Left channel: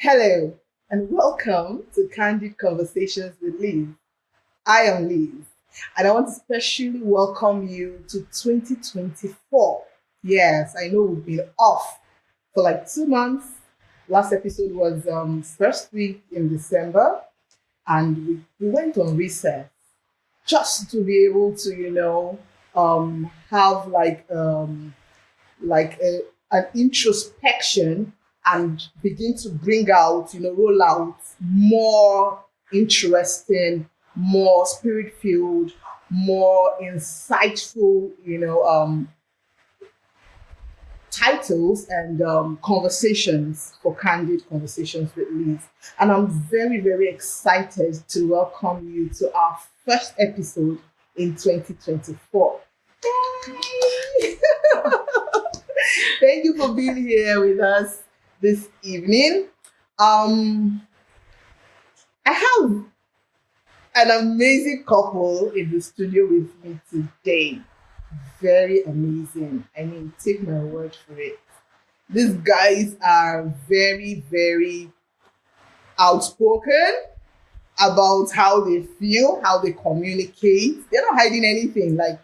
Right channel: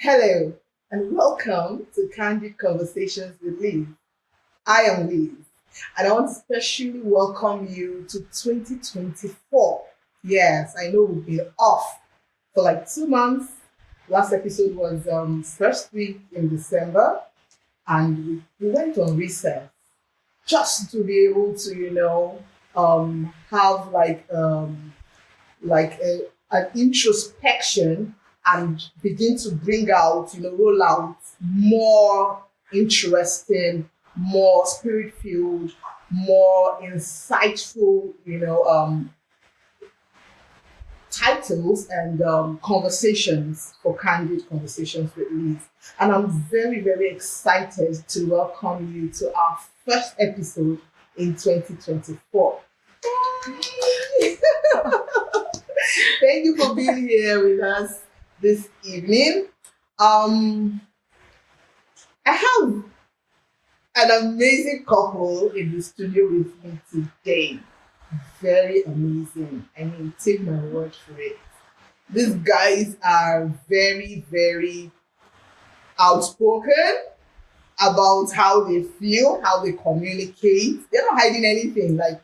Hello, and welcome to Candid Conversations with Liz. I am Liz, and I want to specially welcome you to 2024. Yes, I know we've been off for like 2 months. Last episode was first week in December, and we went on recess just to be able to, have an introspection and begin to bring out, roll out more interesting, more spirit filled, more insightful, titles and conversations for Candid Conversations with Liz. And I'm very, very excited to welcome you to our first episode in 2024. Thank you for being here with us this evening. I have an amazing couple in the studio with me today. Very amazing. I mean, take my word for it. These guys are very, very outspoken about how they feel, how they communicate. They're not hiding anything. Like,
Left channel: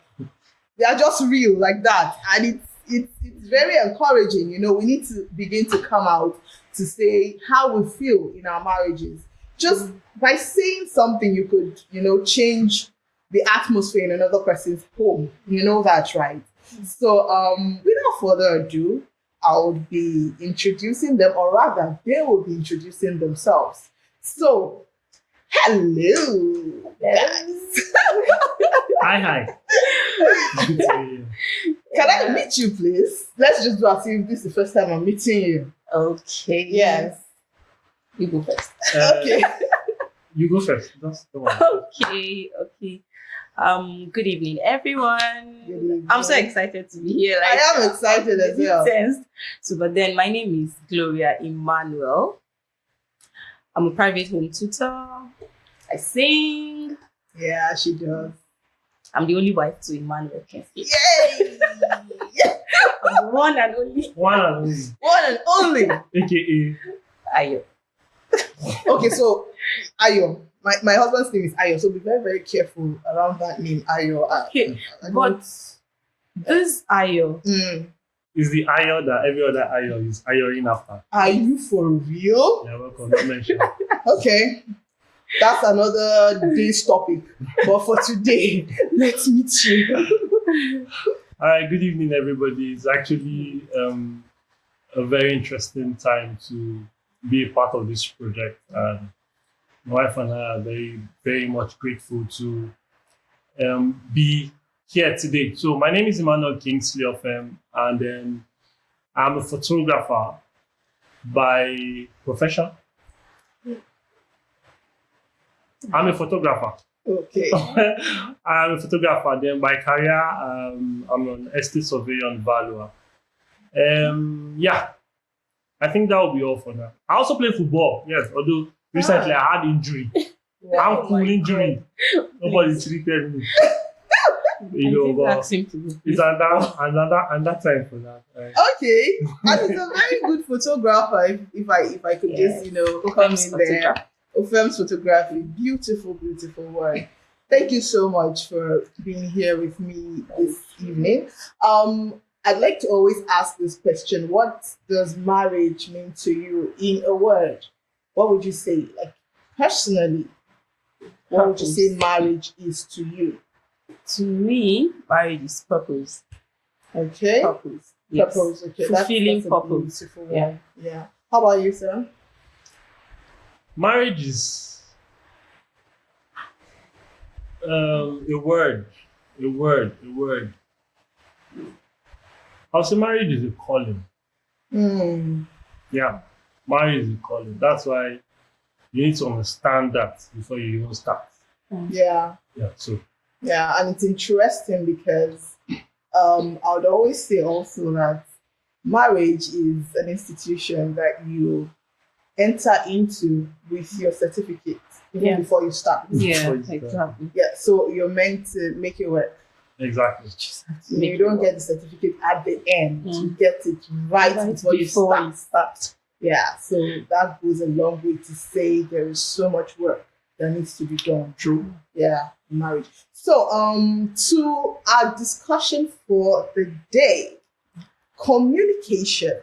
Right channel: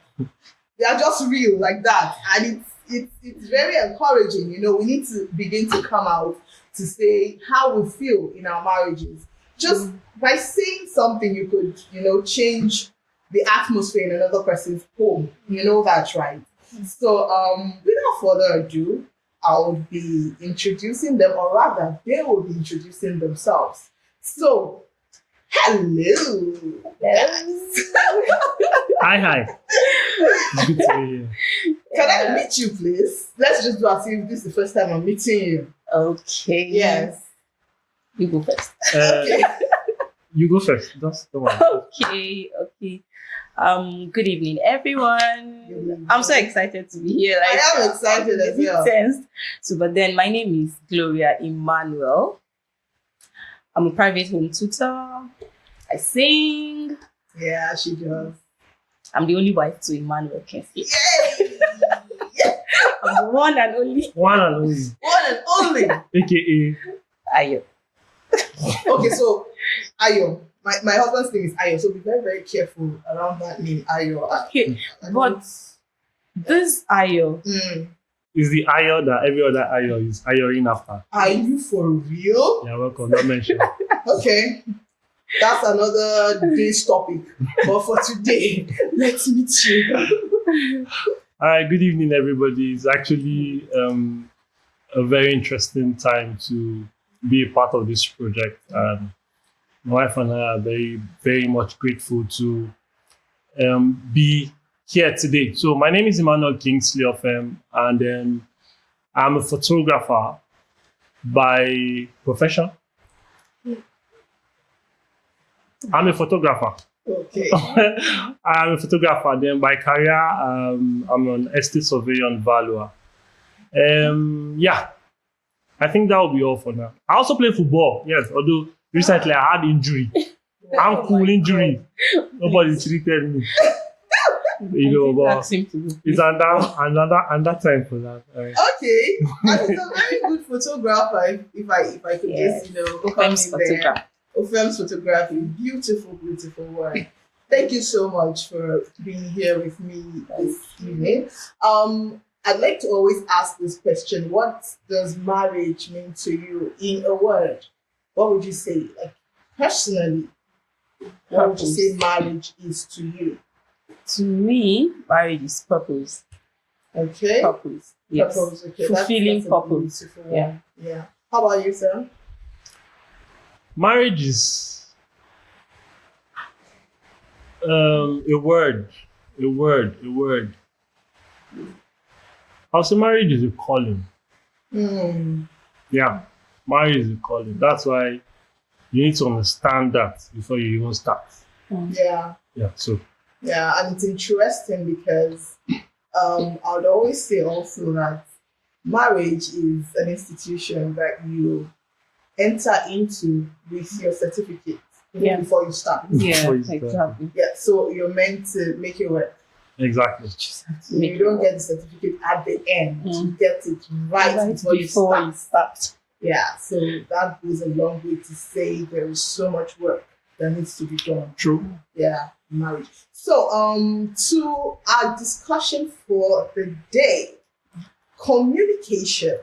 they are just real like that. And it's very encouraging. We need to begin to come out to say how we feel in our marriages. Just by saying something, you could, change the atmosphere in another person's home. You know that, right? So without further ado, I would be introducing them, or rather, they will be introducing themselves. So, hello. Yes. Hi. Good to hear you. Can I meet you, please? Let's just do as if this is the first time I'm meeting you. Okay. Yes. You go first. Okay. You go first. Just go on. Okay. Good evening, everyone. Good evening. I'm so excited to be here. I am excited as well. Tensed. So, but then my name is Gloria Emmanuel. I'm a private home tutor. I sing. Yeah, she does. I'm the only wife to Emmanuel Kings. Yay! I'm the one and only. One and only. One and only. AKA. Ayo. Okay, so Ayo. My husband's name is Ayo, so be very, very careful around that name, Ayo. Okay, but this Ayo. Is the Ayo that every other Ayo is Ayoing after. Are you for real? Yeah, welcome. Not mentioned. Okay. That's another day's topic. But for today, let's meet you. All right, good evening, everybody. It's actually a very interesting time to be a part of this project. And my wife and I are very, very much grateful to be here today. So my name is Emmanuel Kings, and then I'm a photographer by profession. I'm a photographer. Okay. I'm a photographer. Then by career, I'm an estate surveyor and valuer. Yeah, I think that will be all for now. I also play football. Yes, although recently I had injury. Ankle injury. Nobody treated me. But Ask him to go. it's another time for that. Okay. And he's a very good photographer, if I could just, come in there. Films photography, beautiful, beautiful work. Thank you so much for being here with me this evening. I'd like to always ask this question: what does marriage mean to you in a word? What would you say, like personally? What would you say marriage is to you? To me, marriage is purpose. Okay. Purpose. Yes. Purpose. Okay. Fulfilling that's purpose. A beautiful one. Yeah. How about you, sir? Marriage is a word. I'll say marriage is a calling. Yeah, marriage is a calling. That's why you need to understand that before you even start. Yeah. Yeah, so. Yeah, and it's interesting because I would always say also that marriage is an institution that you enter into with your certificate even before you start. Yeah, exactly. Yeah, so you're meant to make it work. Exactly. You don't get the certificate at the end. You get it right before you start. Yeah, so that goes a long way to say there is so much work that needs to be done. True. Yeah, marriage. So, to our discussion for the day, communication,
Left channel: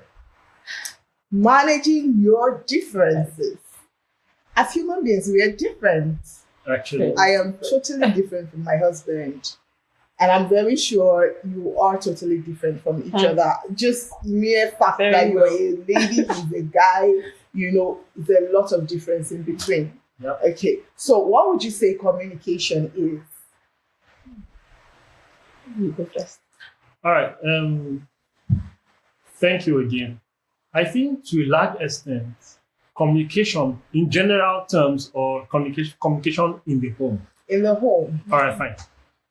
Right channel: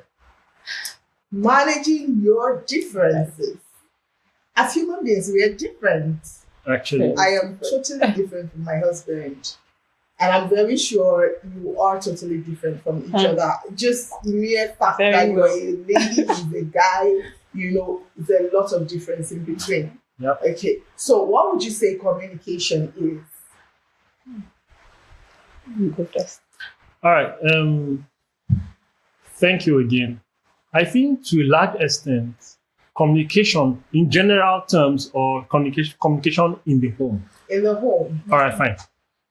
managing your differences. As human beings, we are different. Actually. I am totally different from my husband. And I'm very sure you are totally different from each other. Just mere fact Very that you're well. a lady, he's a guy, there's a lot of difference in between. Yeah. Okay, so what would you say communication is? You go first. All right. Thank you again. I think to a large extent, communication in general terms or communication in the home. In the home. All right, fine.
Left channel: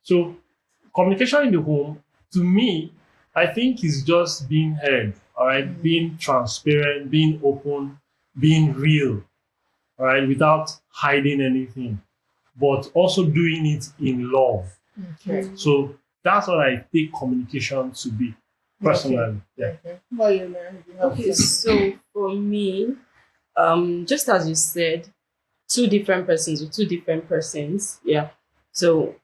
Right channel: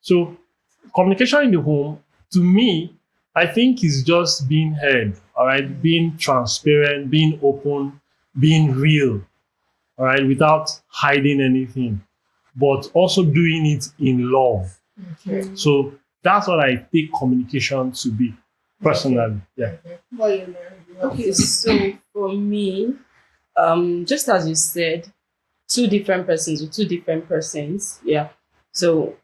So communication in the home, to me, I think is just being heard, all right, being transparent, being open, being real, all right, without hiding anything, but also doing it in love. Okay. So that's what I take communication to be, personally. Yeah. Okay. Well, you know, Okay, so for me, just as you said, two different persons with two different persons. Yeah. So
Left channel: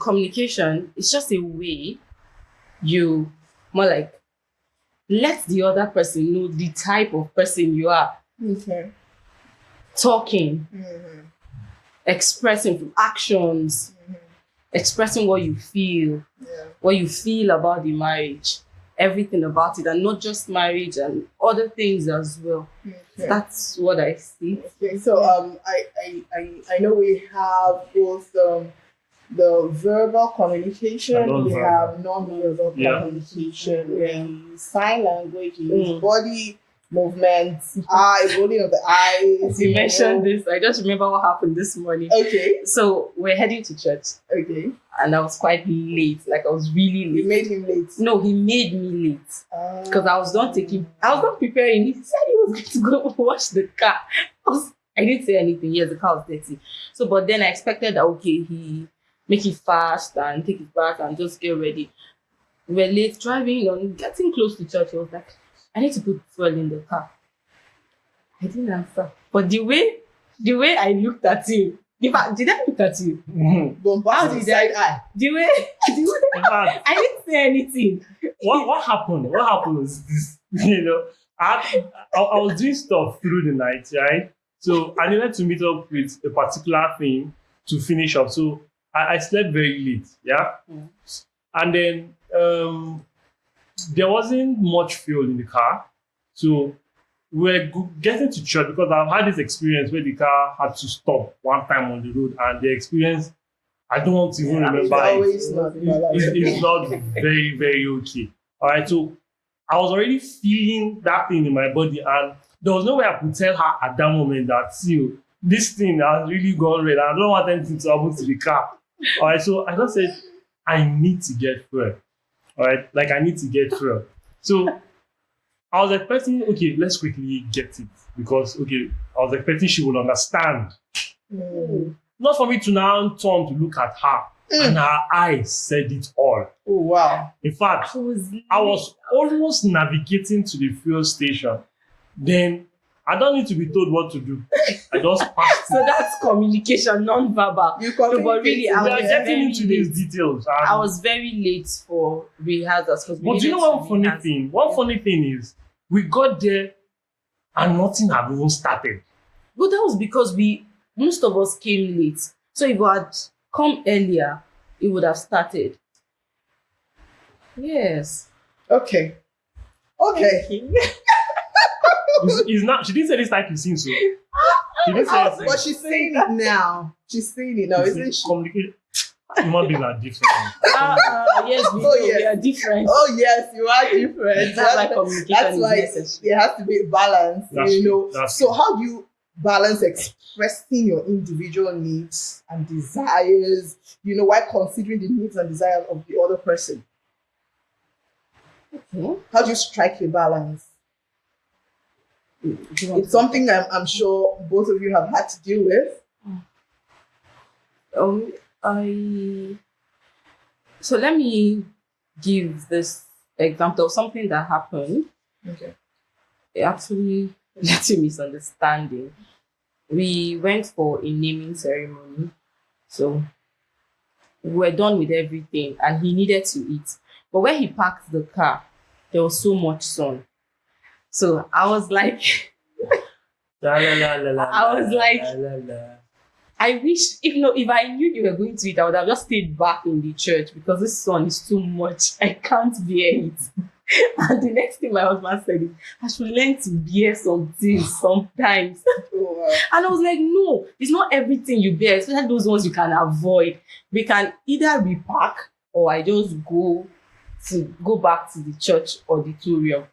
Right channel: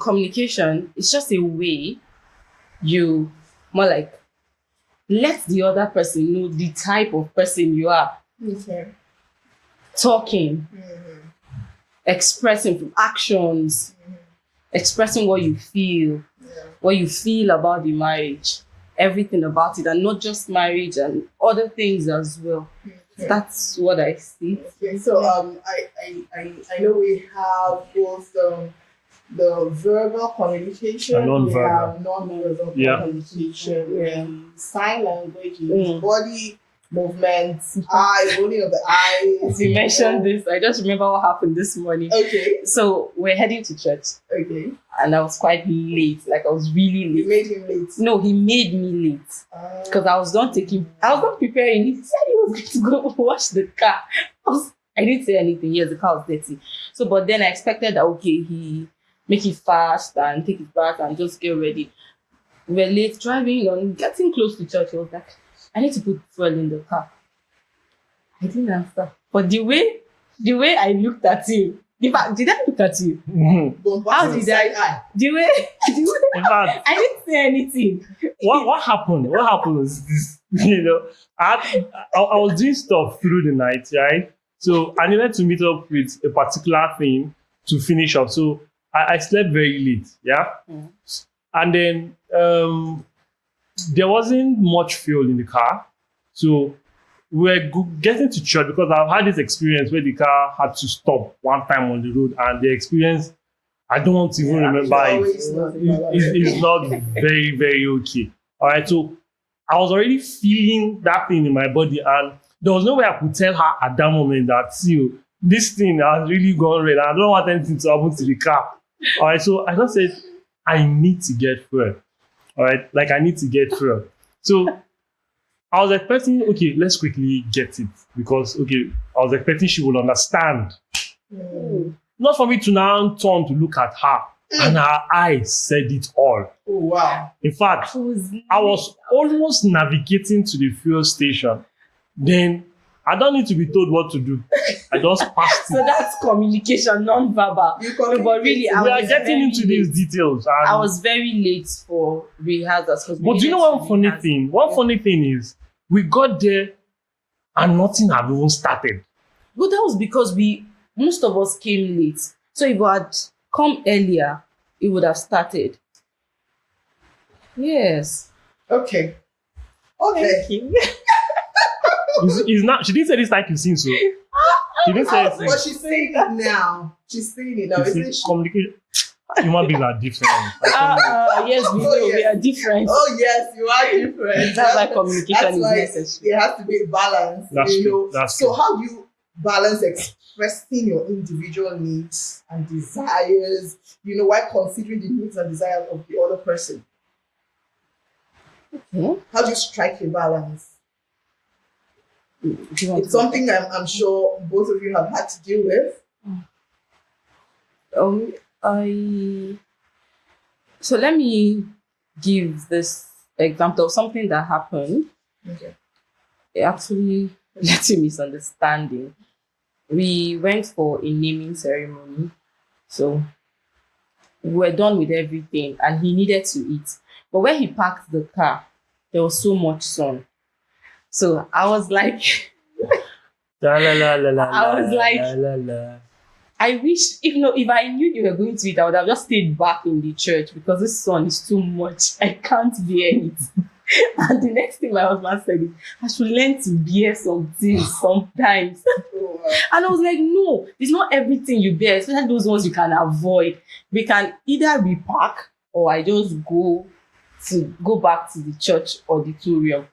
communication is just a way you more like let the other person know the type of person you are. Okay. Talking, Mm-hmm. expressing through actions, expressing what you feel, Yeah. what you feel about the marriage, everything about it, and not just marriage and other things as well. Okay. That's what I see. Okay, so I know we have both the verbal communication, And we non-verbal. have non-verbal Yeah. communication, sign language, Mm. body movements, eye rolling of the eyes. You mentioned this. I just remember what happened this morning. Okay, So we're heading to church, okay. and I was quite late. Like I was really You late. made him late. No, he made me late because I was done preparing. He said he was going to go wash the car. I didn't say anything. Yes, the car was dirty. So, but then I expected that he make it fast and take it back and just get ready. We were late driving on, getting close to church. He was like, I need to put fuel in the car. I didn't answer. But the way I looked at him, in fact, did I look at you? Don't How pass did the side eye. The way In fact, I didn't say anything. what happened? What happened was this. I was doing stuff through the night, right? So I needed to meet up with a particular thing to finish up. So I slept very late, yeah. Mm. And then there wasn't much fuel in the car, so we're getting to church because I've had this experience where the car had to stop one time on the road, and the experience I don't want to even remember it. Always not It's not very, very okay. All right, so I was already feeling that thing in my body, and there was no way I could tell her at that moment that, see, this thing has really gone red. I don't want anything to happen to the car. All right, so I just said, I need to get fuel. All right, like I need to get fuel. So I was expecting, okay, let's quickly get it because, okay, I was expecting she would understand. Mm. Not for me to now turn to look at her, and her eyes said it all. Oh wow. In fact, I I was almost navigating to the fuel station. Then I don't need to be told what to do. I just passed So it. that's communication, non-verbal. You No, but really, I We was are getting very into late. these details. And, I was very late for rehearsals. but do you know one funny thing? One funny thing is we got there and nothing had even started. But that was because most of us came late. So if we had come earlier, it would have started. Yes. Okay. Okay. It's not. She didn't say this like you seen so. She didn't say anything. But she's saying it now. She's saying it now, You see, isn't she? communication. Human beings are different. Yes, we Oh, know we yes. are different. Oh yes, you are different. That's why communication That's is why necessary. there has to be a balance. That's you true. know. That's So true. how do you balance expressing your individual needs and desires, while considering the needs and desires of the other person? Hmm? How do you strike a balance? Do you want It's to- something I'm sure both of you have had to deal with. So let me give this example of something that happened. Okay. it actually led to misunderstanding. We went for a naming ceremony. So we were done with everything and he needed to eat. But when he parked the car, there was so much sun. So I was like, La, la, la, la, la, I was la, like, la, la, la. I wish, if I knew you were going to eat, I would have just stayed back in the church because this sun is too much. I can't bear it. And the next thing my husband said is, I should learn to bear some things sometimes. And I was like, no, it's not everything you bear, especially those ones you can avoid. We can either repark or I just go back to the church auditorium.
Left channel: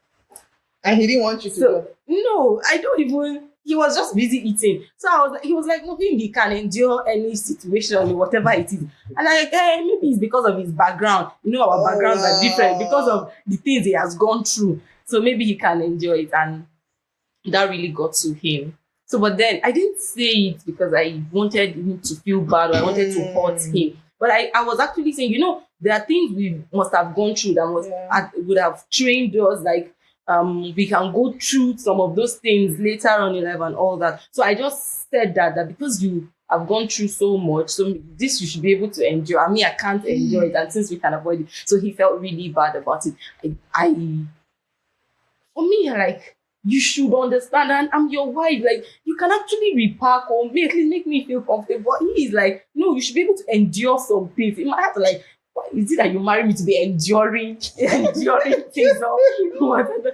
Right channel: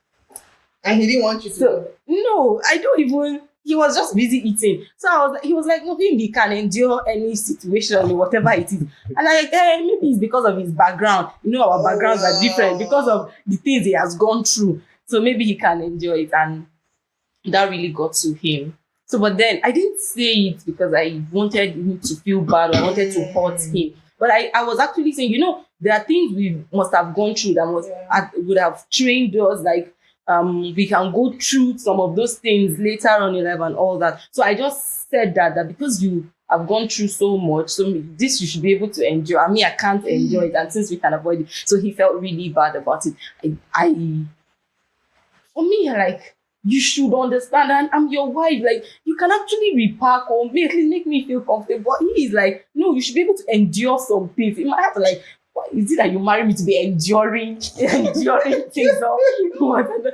And he didn't want you to So go. no, I don't even. He was just busy eating. So he was like, no, he can endure any situation or whatever it is. And I'm like, hey, maybe it's because of his background. Our backgrounds are different because of the things he has gone through. So maybe he can enjoy it. And that really got to him. So, but then I didn't say it because I wanted him to feel bad or I wanted to hurt him. But I was actually saying, there are things we must have gone through that would have trained us, like, we can go through some of those things later on in life and all that. So I just said that because you have gone through so much, so this you should be able to endure. I mean, I can't enjoy it, and since we can avoid it, so he felt really bad about it. For me, like, you should understand, and I'm your wife. Like, you can actually repark or at least make me feel comfortable. He is like, no, you should be able to endure some things. You might have to like, why is it that you marry me to be enduring things or whatever?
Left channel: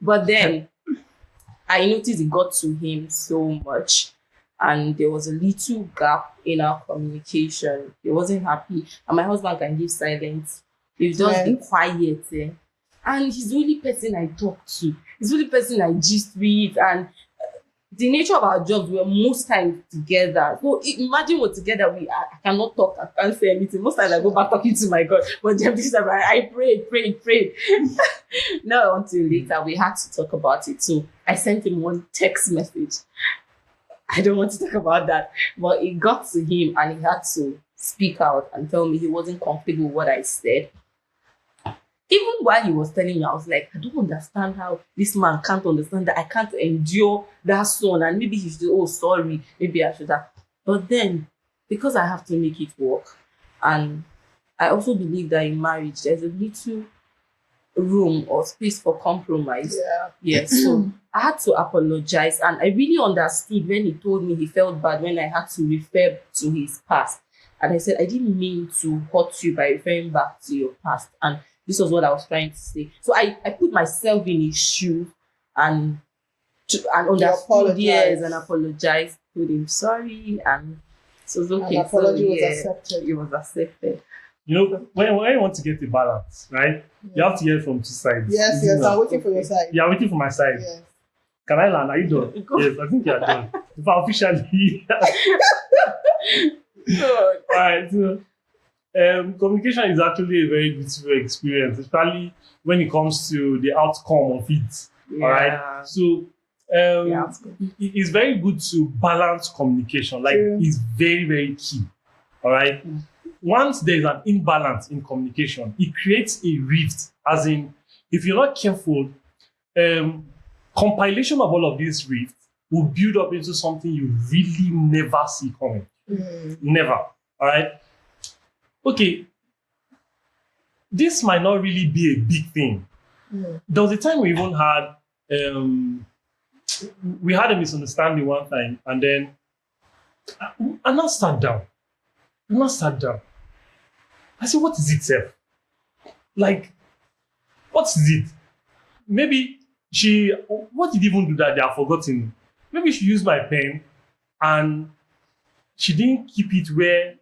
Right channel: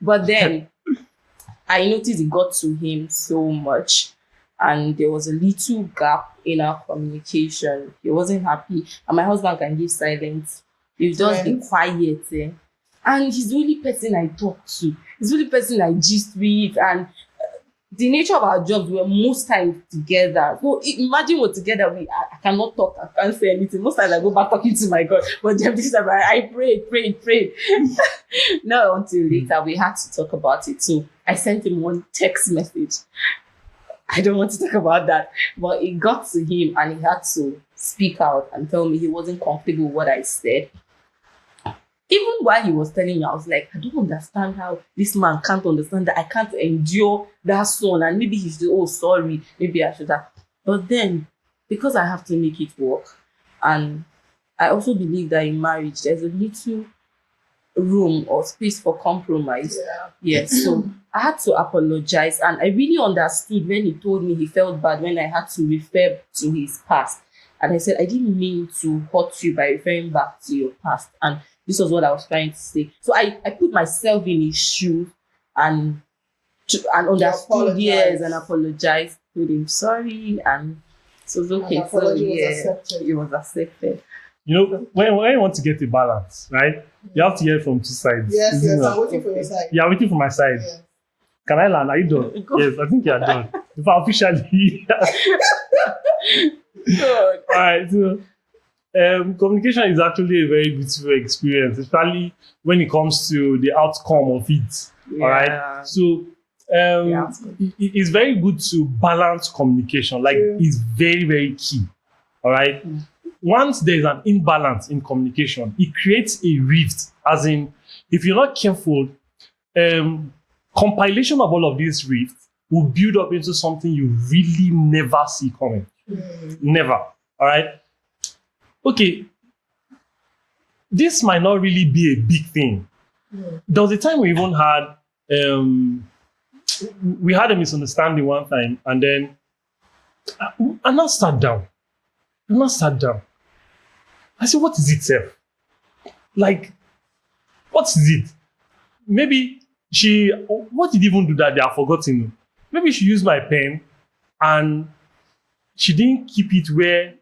But then I noticed it got to him so much, and there was a little gap in our communication. He wasn't happy, and my husband can give silence. He's just be quiet, and he's the only person I talk to. He's the only person I gist with, and the nature of our jobs, we're most times together. So imagine we're together, I cannot talk, I can't say anything. Most times I go back talking to my God. But then this time I prayed. Not until later we had to talk about it. So I sent him one text message. I don't want to talk about that. But it got to him and he had to speak out and tell me he wasn't comfortable with what I said. Even while he was telling me, I was like, I don't understand how this man can't understand that I can't endure that son. And maybe he's sorry, maybe I should have. But then, because I have to make it work, and I also believe that in marriage, there's a little room or space for compromise. Yes, so I had to apologize. And I really understood when he told me he felt bad when I had to refer to his past. And I said, I didn't mean to hurt you by referring back to your past. And this was what I was trying to say. So I put myself in his shoe and understood, yes, and apologized. Told him sorry, and so it was okay. So it was accepted. When you want to get a balance, right? You have to hear from two sides. Yes, I'm waiting for your side. You are waiting for my side. Yes. Can I learn? Are you done? Yes, I think you are done. If I officially. All right. So, communication is actually a very beautiful experience, especially when it comes to the outcome of it. Yeah. All right. So it's very good to balance communication. Like, it's very, very key. All right. Once there's an imbalance in communication, it creates a rift. As in, if you're not careful, compilation of all of these rifts will build up into something you really never see coming. Never. All right. Okay, this might not really be a big thing. There was a time we even had a misunderstanding one time, and then I now sat down. I said, what is it, Seth? Like, what is it? Maybe what did even do that? They have forgotten. Maybe she used my pen and she didn't keep it where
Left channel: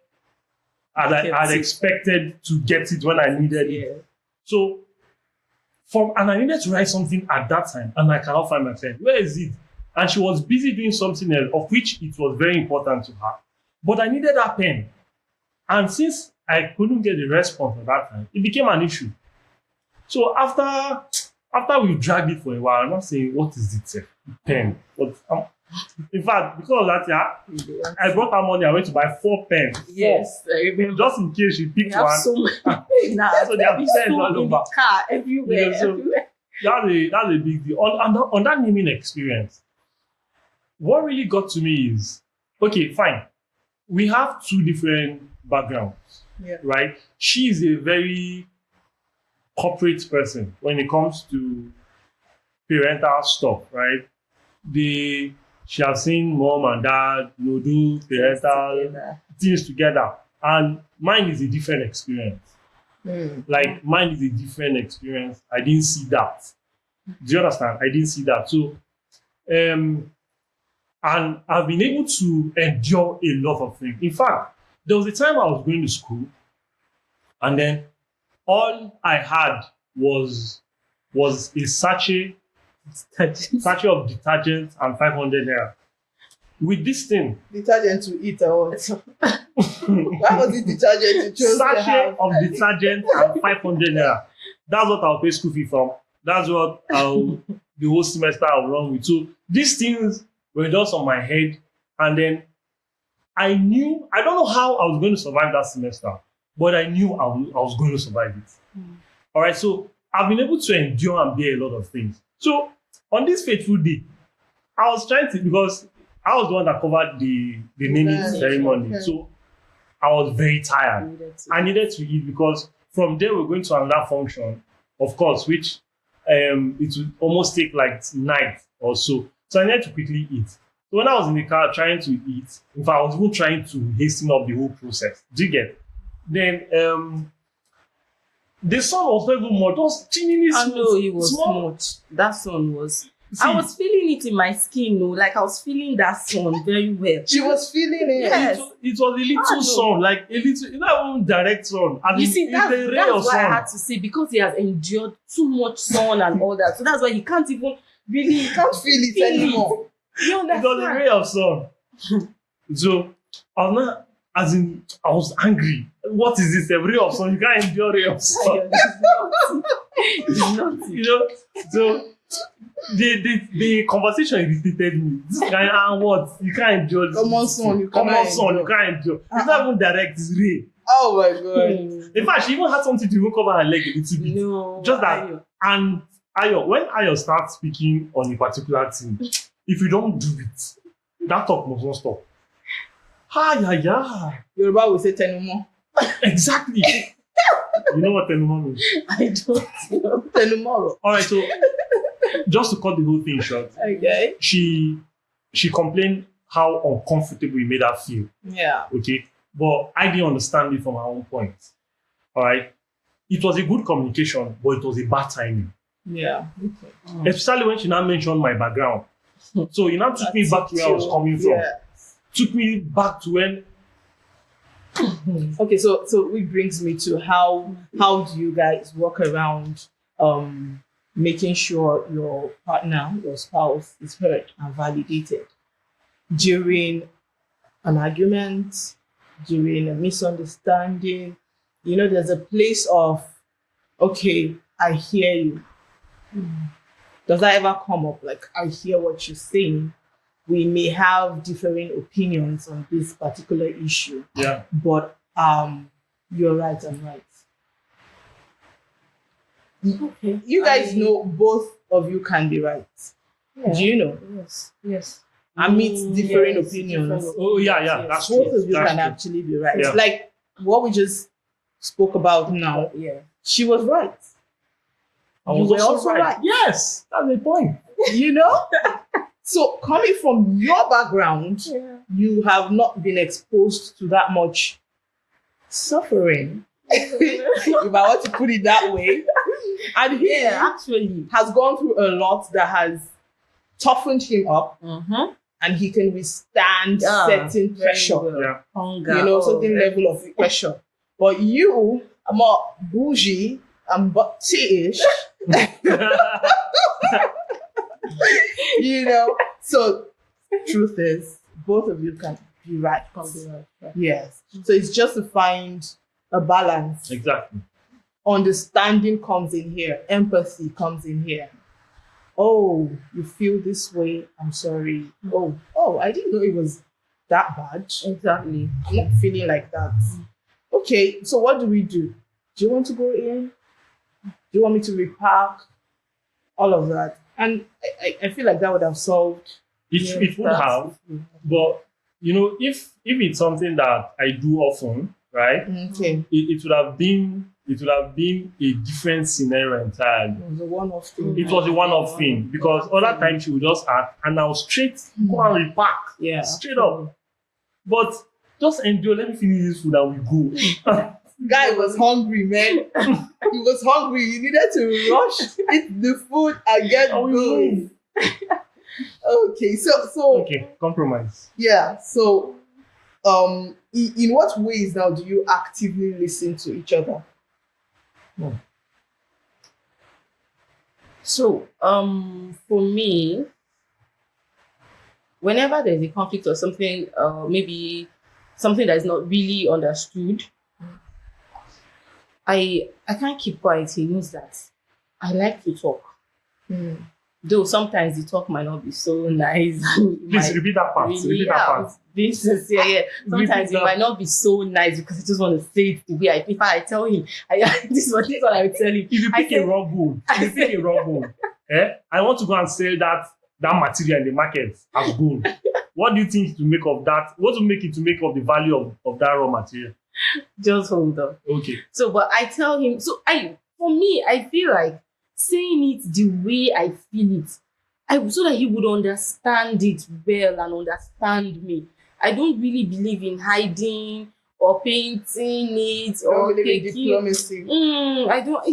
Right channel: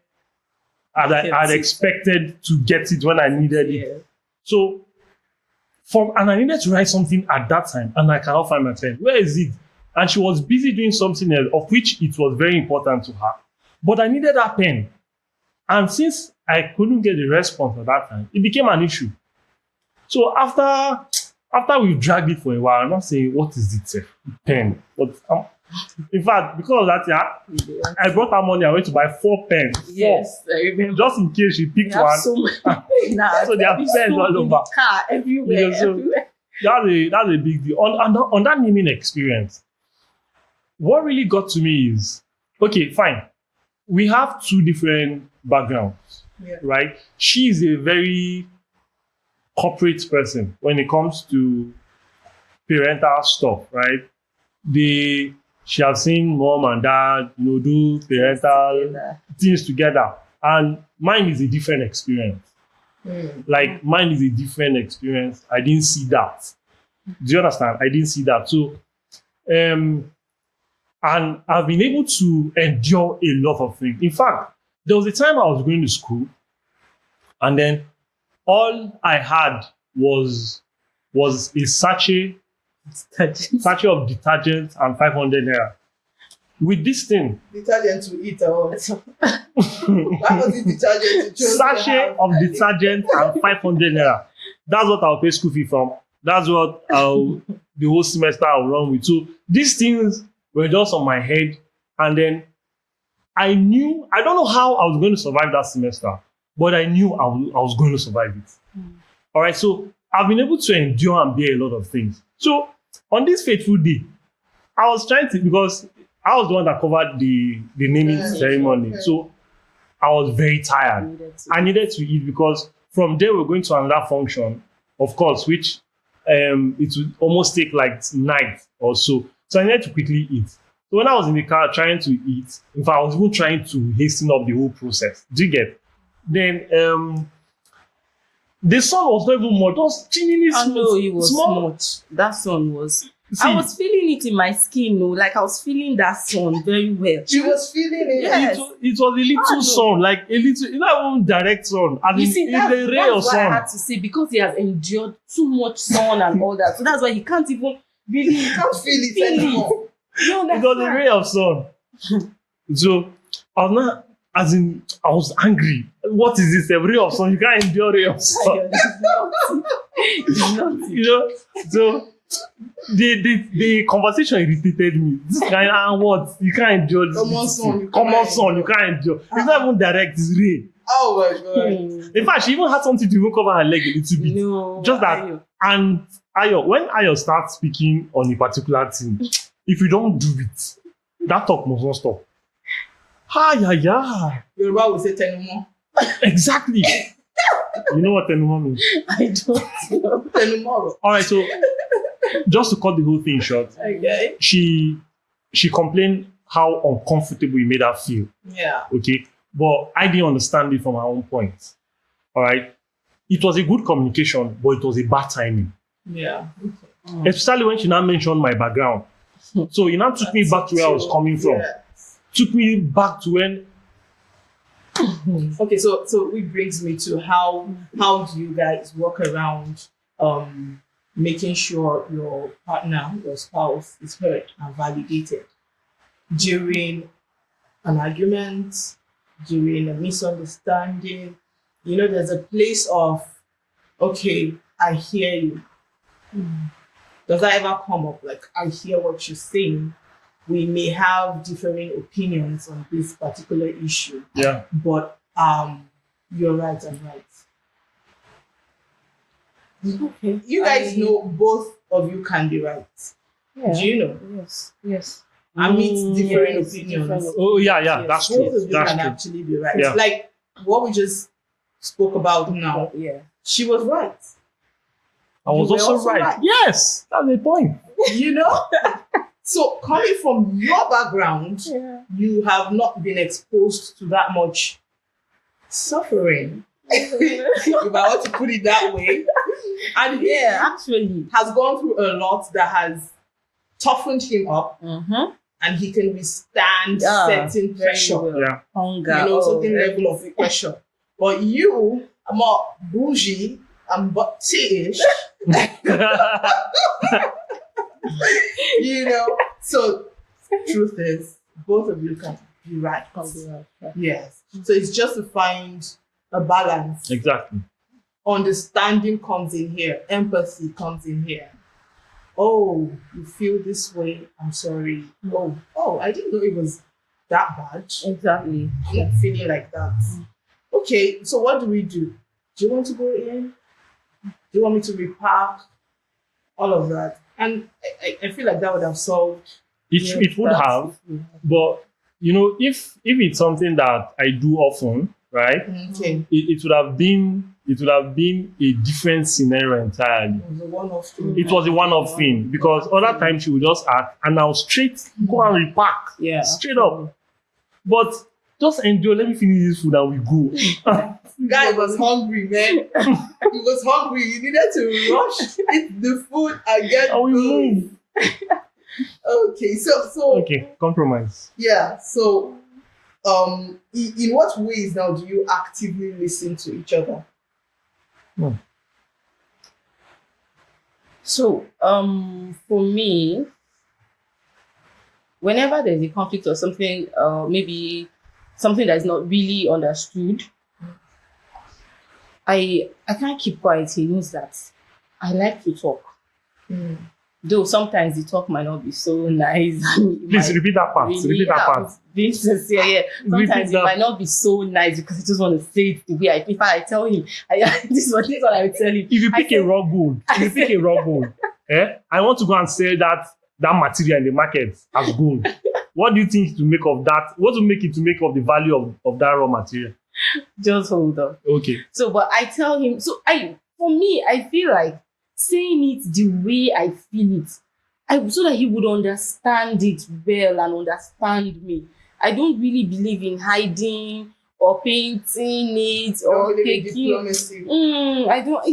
I'd expected to get it when I needed it. So, and I needed to write something at that time, and I cannot find my pen. Where is it? And she was busy doing something else, of which it was very important to her. But I needed that pen. And since I couldn't get the response at that time, it became an issue. So after we dragged it for a while, I'm not saying, what is it? Pen. But in fact, because of that, I brought her money. I went to buy 4 pens. Yes, I remember. Just in case she picked one. So many. So they have pens all in over. the car, everywhere. Yeah, so that's a big deal. On that naming experience, what really got to me is, okay, fine. We have two different backgrounds, Yeah. right? She is a very corporate person when it comes to parental stuff, right? She has seen mom and dad, do parental Together. things together, and mine is a different experience. Like mine is a different experience. I didn't see that. Do you understand? I didn't see that. So, and I've been able to endure a lot of things. In fact, there was a time I was going to school, and then all I had was a sachet of detergent and 500 naira. With this thing, Detergent to eat or why was it detergent you chose to sachet have? of detergent and 500 naira. That's what I'll pay school fee from. That's what the whole semester I'll run with. So these things were just on my head. And then I don't know how I was going to survive that semester, but I knew I was going to survive it. All right. So I've been able to endure and bear a lot of things. So on this fateful day, I was trying to, because I was the one that covered the naming ceremony. Okay. So I was very tired. I needed to eat because from there we're going to another function, of course, which it would almost take like night or so. So I needed to quickly eat. So when I was in the car trying to eat, in fact, I was even trying to hasten up the whole process. Do you get? Then the sun was not even more. Just chilling. I know it was small. much. That sun was. See, I was feeling it in my skin, no, like I was feeling that sun very well. She was feeling it. Yes. it was a little I know. sun, like a little, not even direct sun. I You mean, see, it's that's a ray of why I sun. had to say, because he has endured too much sun and all that. So that's why he can't even really You can't feel it feel it. anymore. You It was a understand? ray of sun. So I was not, as in, I was angry. What is this? A ray of sun? You can't endure ray of sun. It's nothing. You know? So the conversation irritated me. This kind of what? You can't endure this. Common sun, you Common cannot sun, you endure. can't endure. It's not even direct, it's ray. Oh my god. In fact, she even had something to even cover her leg a little bit. No. Just that. And when Ayo starts speaking on a particular thing, if you don't do it, that talk must not stop. Yeah. Yoruba will say tenumo. Exactly. You know what Tenuma means? I don't know. Tenumoro. All right, so just to cut the whole thing short, Okay. she complained how uncomfortable it made her feel. Yeah. Okay, but I didn't understand it from her own point. All right, it was a good communication, but it was a bad timing. Yeah. Okay. Especially when she now mentioned my background. So it now took me back to where I was coming from. Yeah. Took me back to when. Okay, so it brings me to how do you guys work around making sure your partner, your spouse is heard and validated during an argument, during a misunderstanding. You know, there's a place of, okay, I hear you. Does that ever come up? Like, I hear what you're saying. We may have differing opinions on this particular issue. Yeah. But you're right, I'm right. Okay. You guys know both of you can be right. Yeah. Do you know? Yes. Amidst differing Yes, opinions, different Oh yeah, Yes. that's both true. of you That's can true. actually be right. Yeah. Like what we just spoke about now. Yeah. She was right. I was You were also also right. right. Yes, that's the point. You know? So coming from your background, Yeah. you have not been exposed to that much suffering. If I want to put it that way. And he Yeah, actually. has gone through a lot that has toughened him up, Mm-hmm. and he can withstand Yeah, certain very pressure. well. Yeah. Hunger. You know, oh, certain level of pressure. But you are more bougie and butty-ish, you know. So truth is, both of you can be right. Yes. So it's just to find a balance. Exactly. Understanding comes in here. Empathy comes in here. Oh, you feel this way. I'm sorry. Oh, I didn't know it was that bad. Exactly. I'm not feeling like that. Okay, so what do we do? Do you want to go in? Do you want me to repark? all of that. And I feel like that would have solved. It would have, but if it's something that I do often, right? Okay. It would have been a different scenario entirely. It was a one-off thing. It was a one-off thing because other times she would just act and I'll straight go and repack. Yeah. Straight up. But just endure, let me finish this food and we go. Guy was hungry, man. He was hungry. He needed to rush, eat the food and get And we going. move. Okay, so Okay, compromise. yeah. So, in what ways now do you actively listen to each other? So, for me, whenever there's a conflict or something, maybe something that is not really understood, I can't keep quiet. He knows that. I like to talk. Though sometimes the talk might not be so nice. Please repeat that part. Repeat that part. Being sincere, yeah. Sometimes it might not be so nice because I just want to say it the way if I tell him, this is what I would tell him. If you pick a raw gold, I want to go and sell that material in the market as gold. What do you think to make of that? What will make it to make of the value of that raw material? Just hold on. Okay. So, but I tell him, for me, I feel like saying it the way I feel it, so that he would understand it well and understand me. I don't really believe in hiding or painting it or taking. Diplomacy. I don't.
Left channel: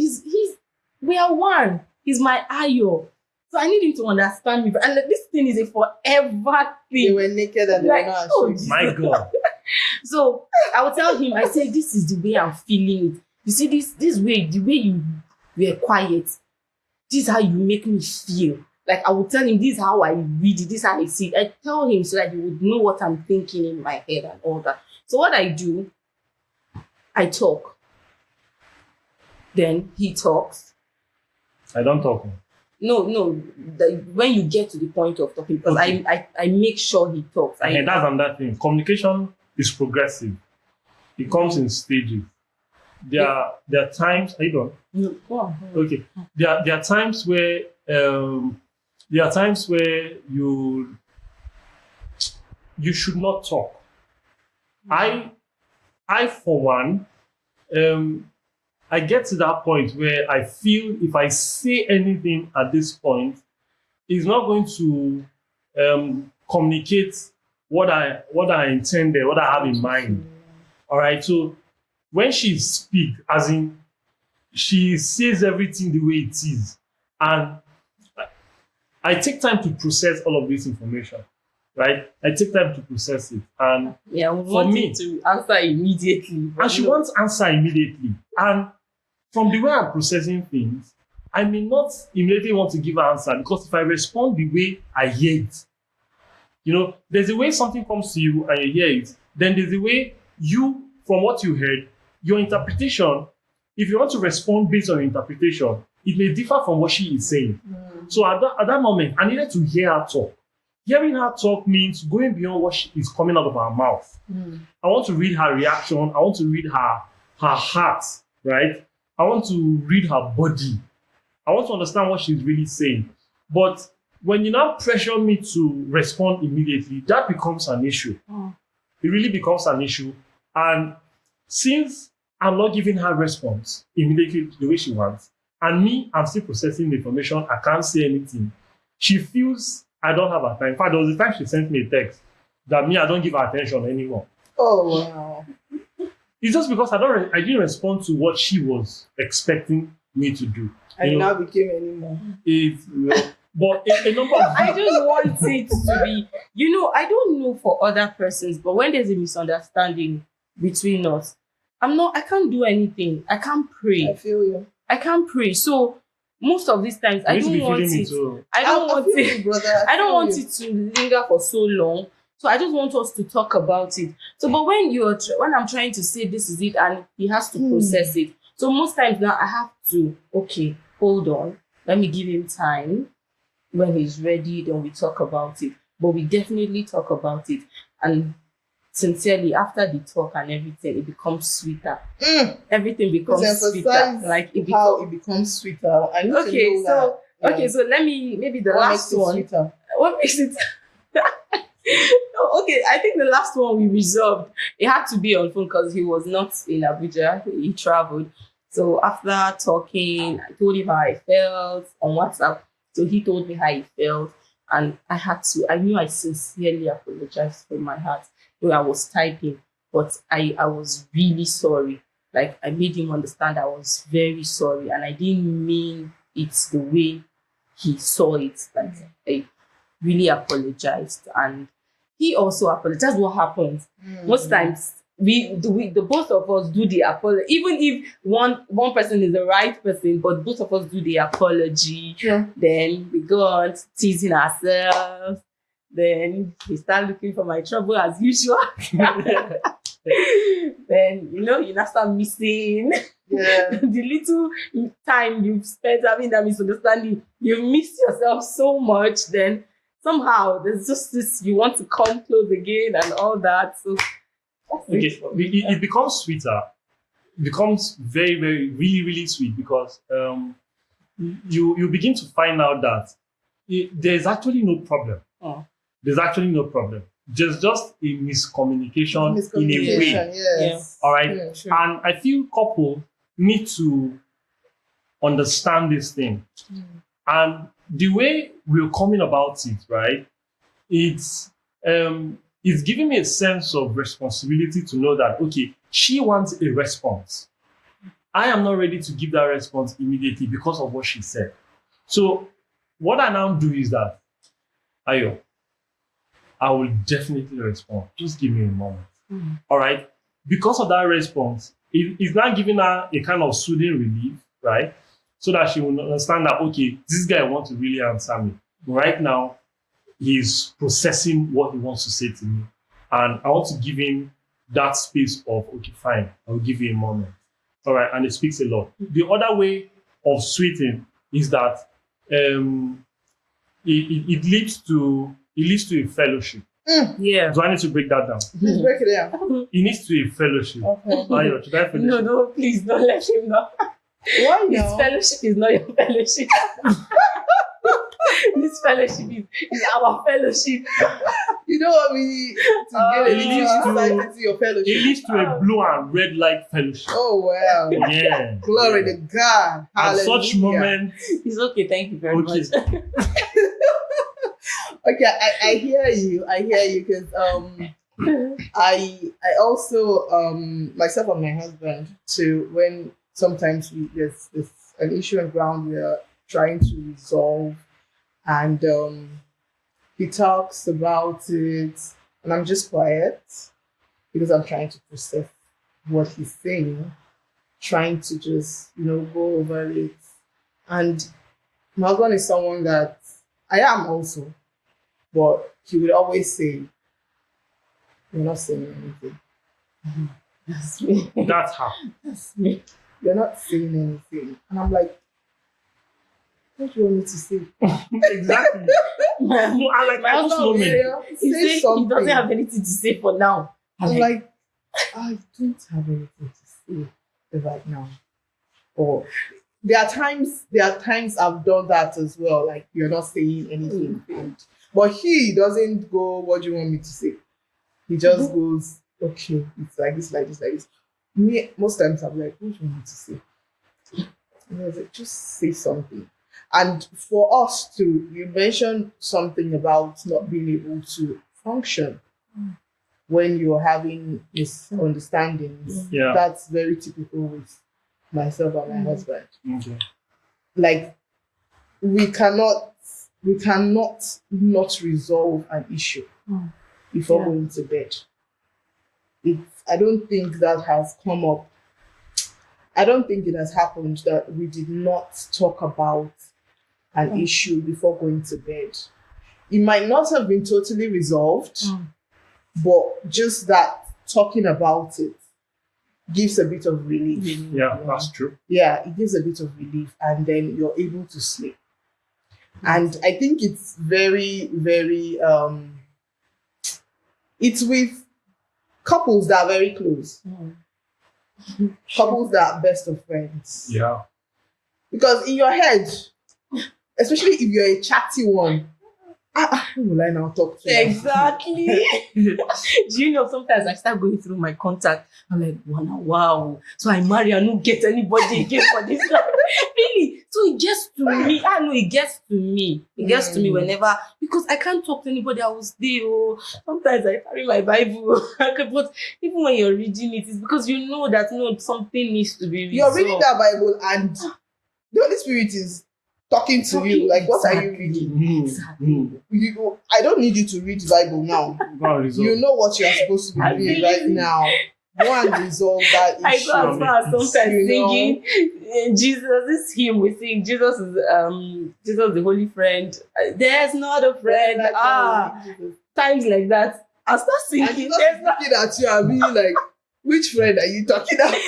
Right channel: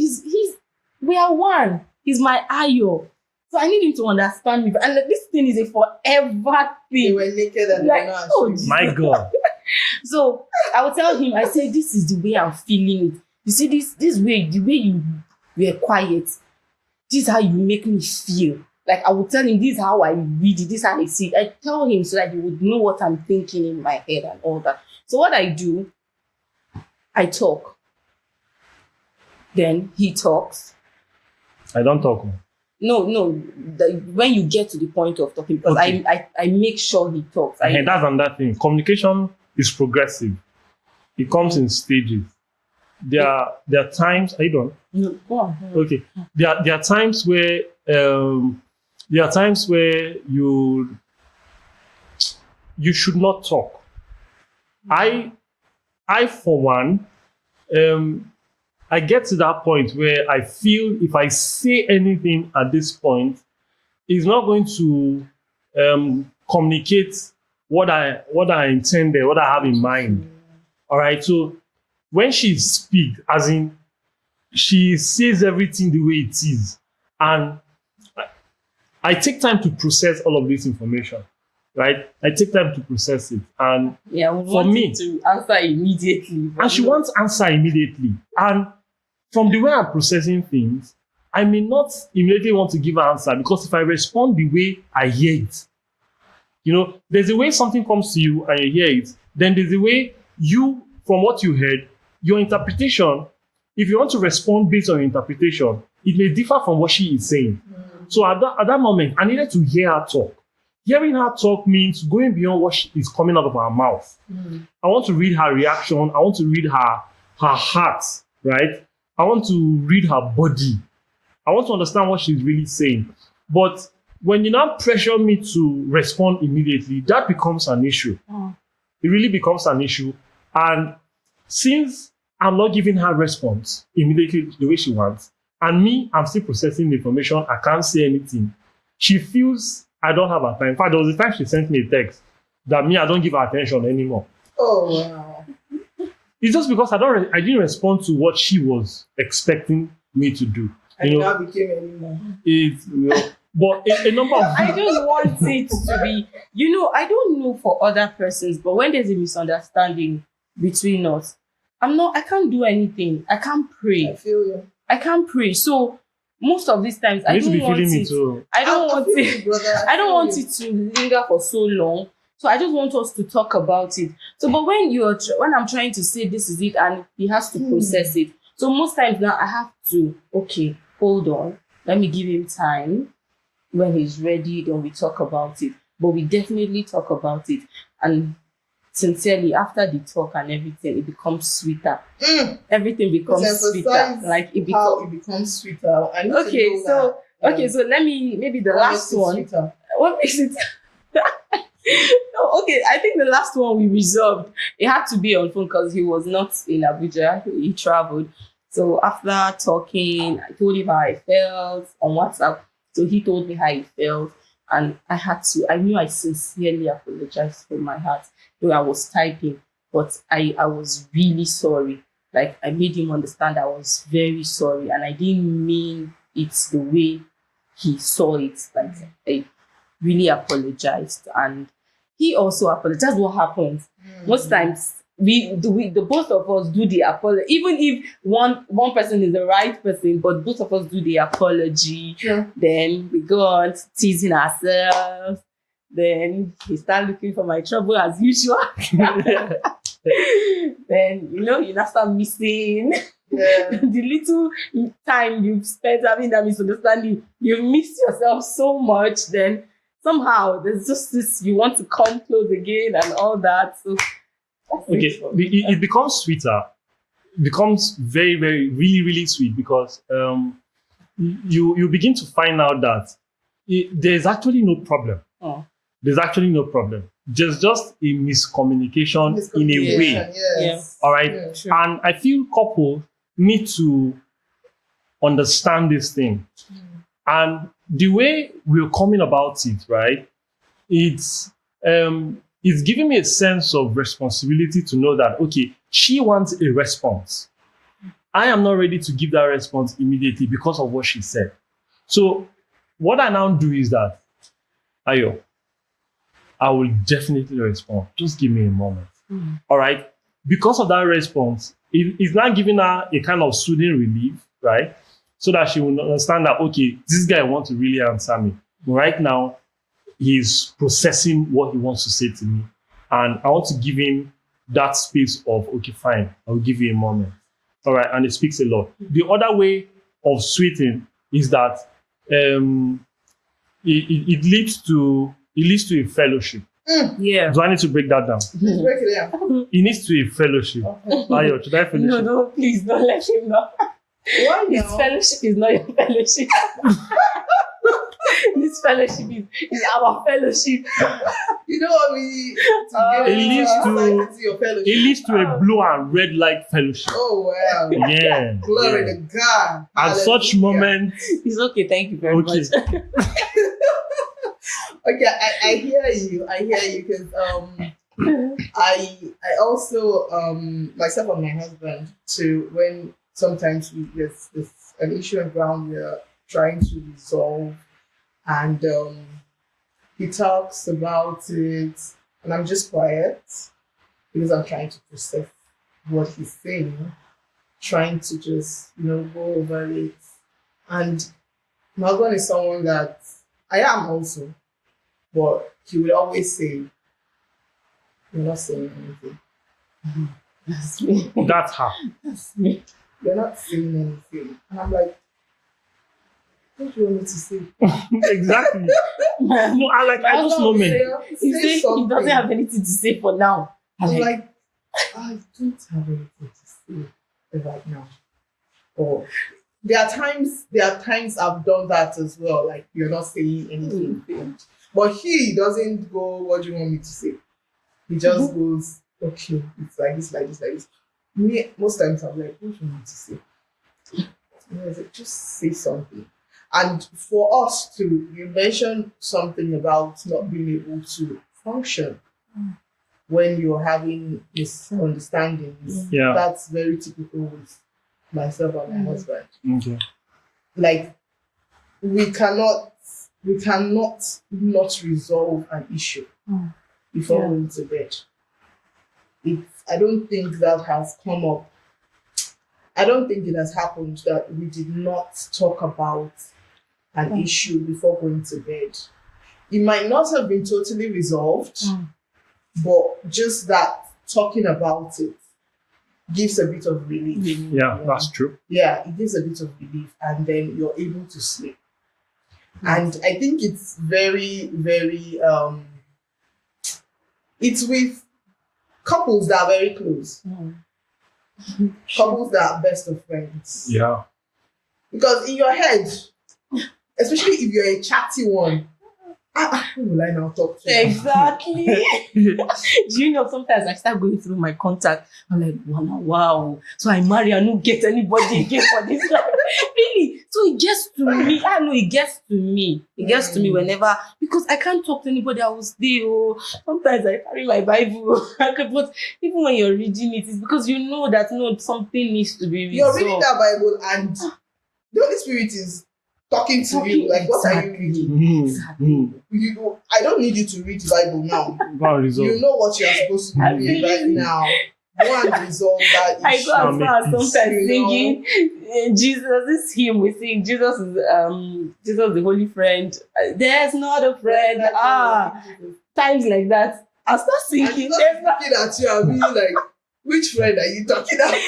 We are one. He's my ayo. So I need him to understand me. And this thing is a forever They thing. were naked and they were not ashamed. My God. So I will tell him, I say, this is the way I'm feeling it. You see, this way, the way you were quiet, this is how you make me feel. Like I will tell him, this is how I read it, this is how I see it. I tell him so that he would know what I'm thinking in my head and all that. So what I do, I talk. Then he talks. I don't talk. No. When you get to the point of talking, because Okay. I make sure he talks. That's another thing. Communication is progressive. It comes in stages. There are times. I don't. No, go on. Okay. There are times where you should not talk. I for one, I get to that point where I feel if I say anything at this point, it's not going to communicate what I intended, what I have in mind. All right. So when she speaks, as in she says everything the way it is, and I take time to process all of this information. Right? I take time to process it, and Yeah, we want me- him to answer immediately. but and she no. wants answer immediately. And from the way I'm processing things, I may not immediately want to give an answer because if I respond the way I hear it, there's a way something comes to you and you hear it. Then there's a way you, from what you heard, your interpretation. If you want to respond based on your interpretation, it may differ from what she is saying. So at that moment, I needed to hear her talk. Hearing her talk means going beyond what is coming out of her mouth. I want to read her reaction. I want to read her heart, right? I want to read her body. I want to understand what she's really saying. But when you now pressure me to respond immediately, that becomes an issue. It really becomes an issue. And since I'm not giving her response immediately the way she wants, and me, I'm still processing the information, I can't say anything, she feels I don't have her time. In fact, there was a time she sent me a text that I don't give her attention anymore. Oh, wow. It's just because I didn't respond to what she was expecting me to do. And it now became anymore. But a number of I just want it to be, I don't know for other persons, but when there's a misunderstanding between us, I can't do anything. I can't pray. I feel you. I can't pray. So most of these times, I you need to don't be want feeling it. it too. I don't I want feel it. you, brother. I don't feel want you. it to linger for so long. So I just want us to talk about it. So, but when I'm trying to say this is it, and he has to process it. So most times now I have to, okay, hold on. Let me give him time. When he's ready, then we talk about it. But we definitely talk about it. And sincerely, after the talk and everything, it becomes sweeter. Everything becomes Please sweeter. emphasize Like it how becomes. it becomes sweeter. I need Okay, to know so Okay, so let me, maybe the What last makes it one. sweeter? What makes it? No, okay, I think the last one we resolved. It had to be on phone because he was not in Abuja. He traveled. So after talking, I told him how I felt on WhatsApp. So he told me how he felt, and I knew I sincerely apologized from my heart. Though I was typing, but I was really sorry. Like, I made him understand I was very sorry, and I didn't mean it the way he saw it. Like, I really apologized, and he also apologized. That's what happens. Most times the both of us do the apology, even if one person is the right person, but both of us do the apology. Sure. Then we go on teasing ourselves. Then we start looking for my trouble as usual. Then you now start missing Yeah. the little time you've spent having that misunderstanding. You miss yourself so much. Then somehow there's just this, you want to come close again and all that. So that's Okay, it for me. it becomes sweeter. It becomes very, very, really, really sweet because you begin to find out that there's actually no problem. Oh. There's actually no problem. There's just a miscommunication in a way. Yes. All right. Yeah, sure. And I feel couple need to understand this thing. And the way we're coming about it, right? It's giving me a sense of responsibility to know that, okay, she wants a response. I am not ready to give that response immediately because of what she said. So what I now do is that, Ayo, I will definitely respond. Just give me a moment. All right? Because of that response, it's now giving her a kind of soothing relief, right? So that she will understand that, okay, this guy wants to really answer me. But right now, he's processing what he wants to say to me. And I want to give him that space of, okay, fine, I'll give you a moment. All right, and it speaks a lot. The other way of sweetening is that it leads to a fellowship. Yeah. Do I need to break that down? Please break it down. It needs to be a fellowship. Okay. Ayo, should I finish? No, please don't let him know. Why His now? fellowship is not your fellowship. This fellowship is our fellowship. You don't want me to Oh. get It leads to- insight into your fellowship. It leads to a blue and red light fellowship. Oh wow. Yeah. Glory yeah. to God. At such Hallelujah. moments, It's okay, thank you very Okay. much. Okay, I hear you. I hear you because I also myself and my husband too, when sometimes there's an issue on ground we are trying to resolve, and he talks about it and I'm just quiet because I'm trying to process what he's saying, trying to just go over it. And my husband is someone that I am also, but he would always say, "You're not saying anything. That's me. that's how. That's me. You're not saying anything." And I'm like, "What do you want me to say?" Exactly. No, I like My at this husband will moment. He Say said he something. doesn't have anything to say for now. I'm I'm like, like, I don't have anything to say right now. Or there are times I've done that as well. Like, you're not saying anything. But he doesn't go, "What do you want me to say?" He just goes, "Okay, it's like this, like this, like this." Me, most times I'm like, "What do you want me to say?" It's like, just say something. And for us to, you mentioned something about not being able to function when you're having misunderstandings. Yeah. That's very typical with myself and my husband. Okay. Like, we cannot not resolve an issue before Yeah. going to bed. I don't think that has come up. I don't think it has happened that we did not talk about an issue before going to bed. It might not have been totally resolved, but just that talking about it gives a bit of relief. Yeah, that's true. Yeah, it gives a bit of relief, and then you're able to sleep. And I think it's very, very it's with couples that are very close, couples that are best of friends. Yeah. Because in your head, especially if you're a chatty one. Who will I now talk to? Exactly. Do you know, sometimes I start going through my contact. I'm like, wow. So I marry and don't get anybody again for this life. Really? So it gets to me. I know it gets to me. It gets to me whenever, because I can't talk to anybody. I will stay. Oh, sometimes I carry my Bible. But even when you're reading it, it's because you know that no, something needs to be resolved. You're reading that Bible and the Holy Spirit is talking to you. Like, what are you reading? Exactly. I don't need you to read the Bible now. Resolve. You know what you're supposed to be doing right now. Go and resolve that issue. I go as far as sometimes singing Jesus. This hymn we sing. Jesus is Jesus the Holy Friend. There's not a friend. Times like that. I start And singing. just There's not. looking at you and being like, which friend are you talking about?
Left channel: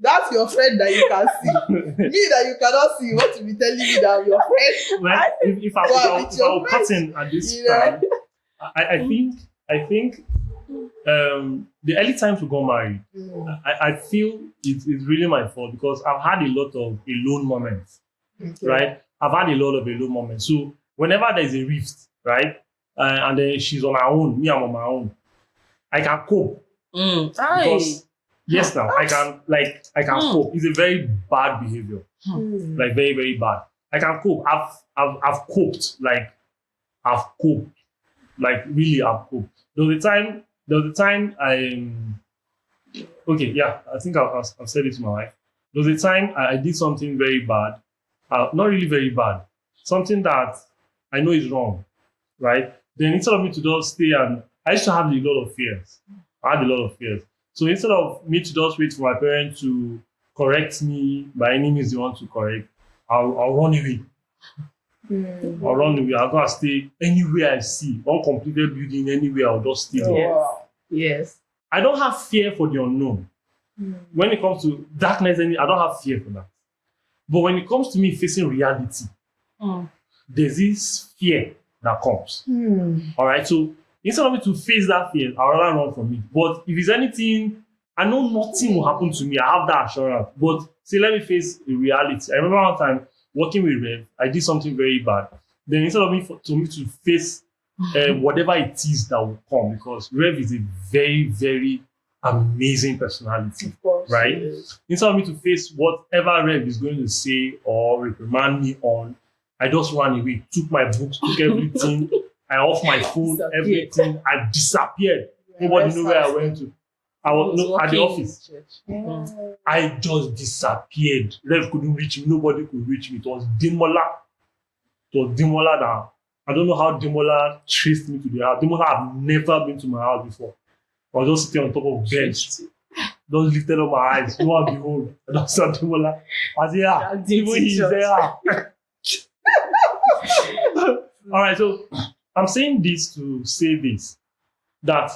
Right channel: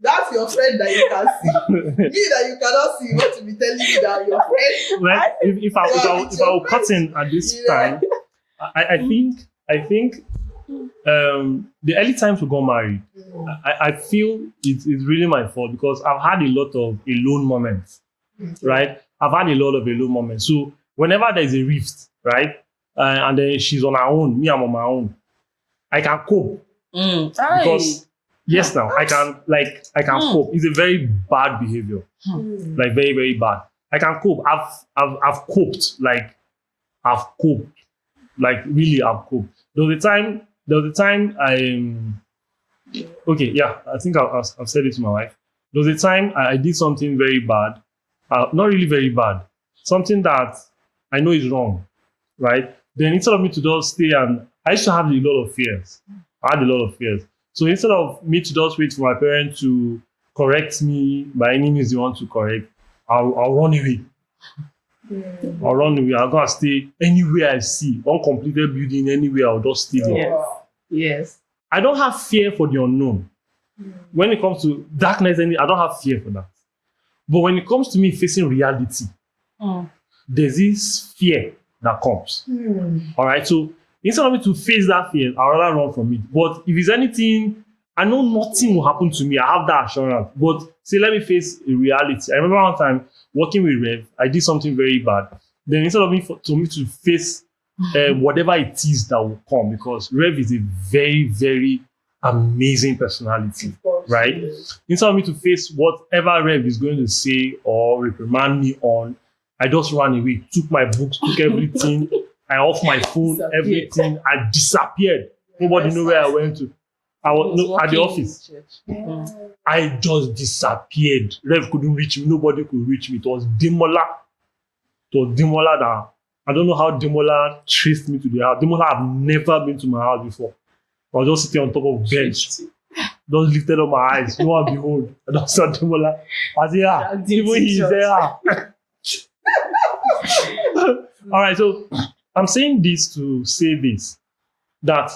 That's your friend that you can see. Me that you cannot see. You want to be telling me that I'm your friend? Well, if I were cutting at this time, I think the early times we got married, I feel it's really my fault because I've had a lot of alone moments, right? I've had a lot of alone moments. So whenever there's a rift, right, and then she's on her own, me I'm on my own, I can cope because yes, now I can cope. It's a very bad behavior, like very very bad. I can cope. I've coped, I've coped, really I've coped. There was a time okay, yeah, I think I've said it to my wife. There was a time I did something very bad, not really very bad, something that I know is wrong, right? Then instead of me to just stay and I used to have a lot of fears. I had a lot of fears. So instead of me to just wait for my parents to correct me by any means they want to correct, I'll run away. I'll run away. I'll go and stay anywhere I see. Uncompleted building, anywhere, I'll just stay there. Yes. I don't have fear for the unknown. When it comes to darkness, I don't have fear for that. But when it comes to me facing reality, there's this fear that comes. All right. So instead of me to face that fear, I'd rather run from it. But if it's anything, I know nothing will happen to me. I have that assurance. But say, let me face a reality. I remember one time working with Rev, I did something very bad. Then instead of me to face whatever it is that will come, because Rev is a very, very amazing personality, right? Instead of me to face whatever Rev is going to say or reprimand me on, I just ran away, took my books, took everything, I off my phone, everything, I disappeared. Nobody knew where I went to. I was at the office. I just disappeared. Rev couldn't reach me, nobody could reach me. It was Demola. That I don't know how Demola traced me to the house. Demola have never been to my house before. I was just sitting on top of bench. Just lifted up my eyes. Lo and behold, I just saw Demola. I said, yeah, even he's there. All right, so I'm saying this to say this, that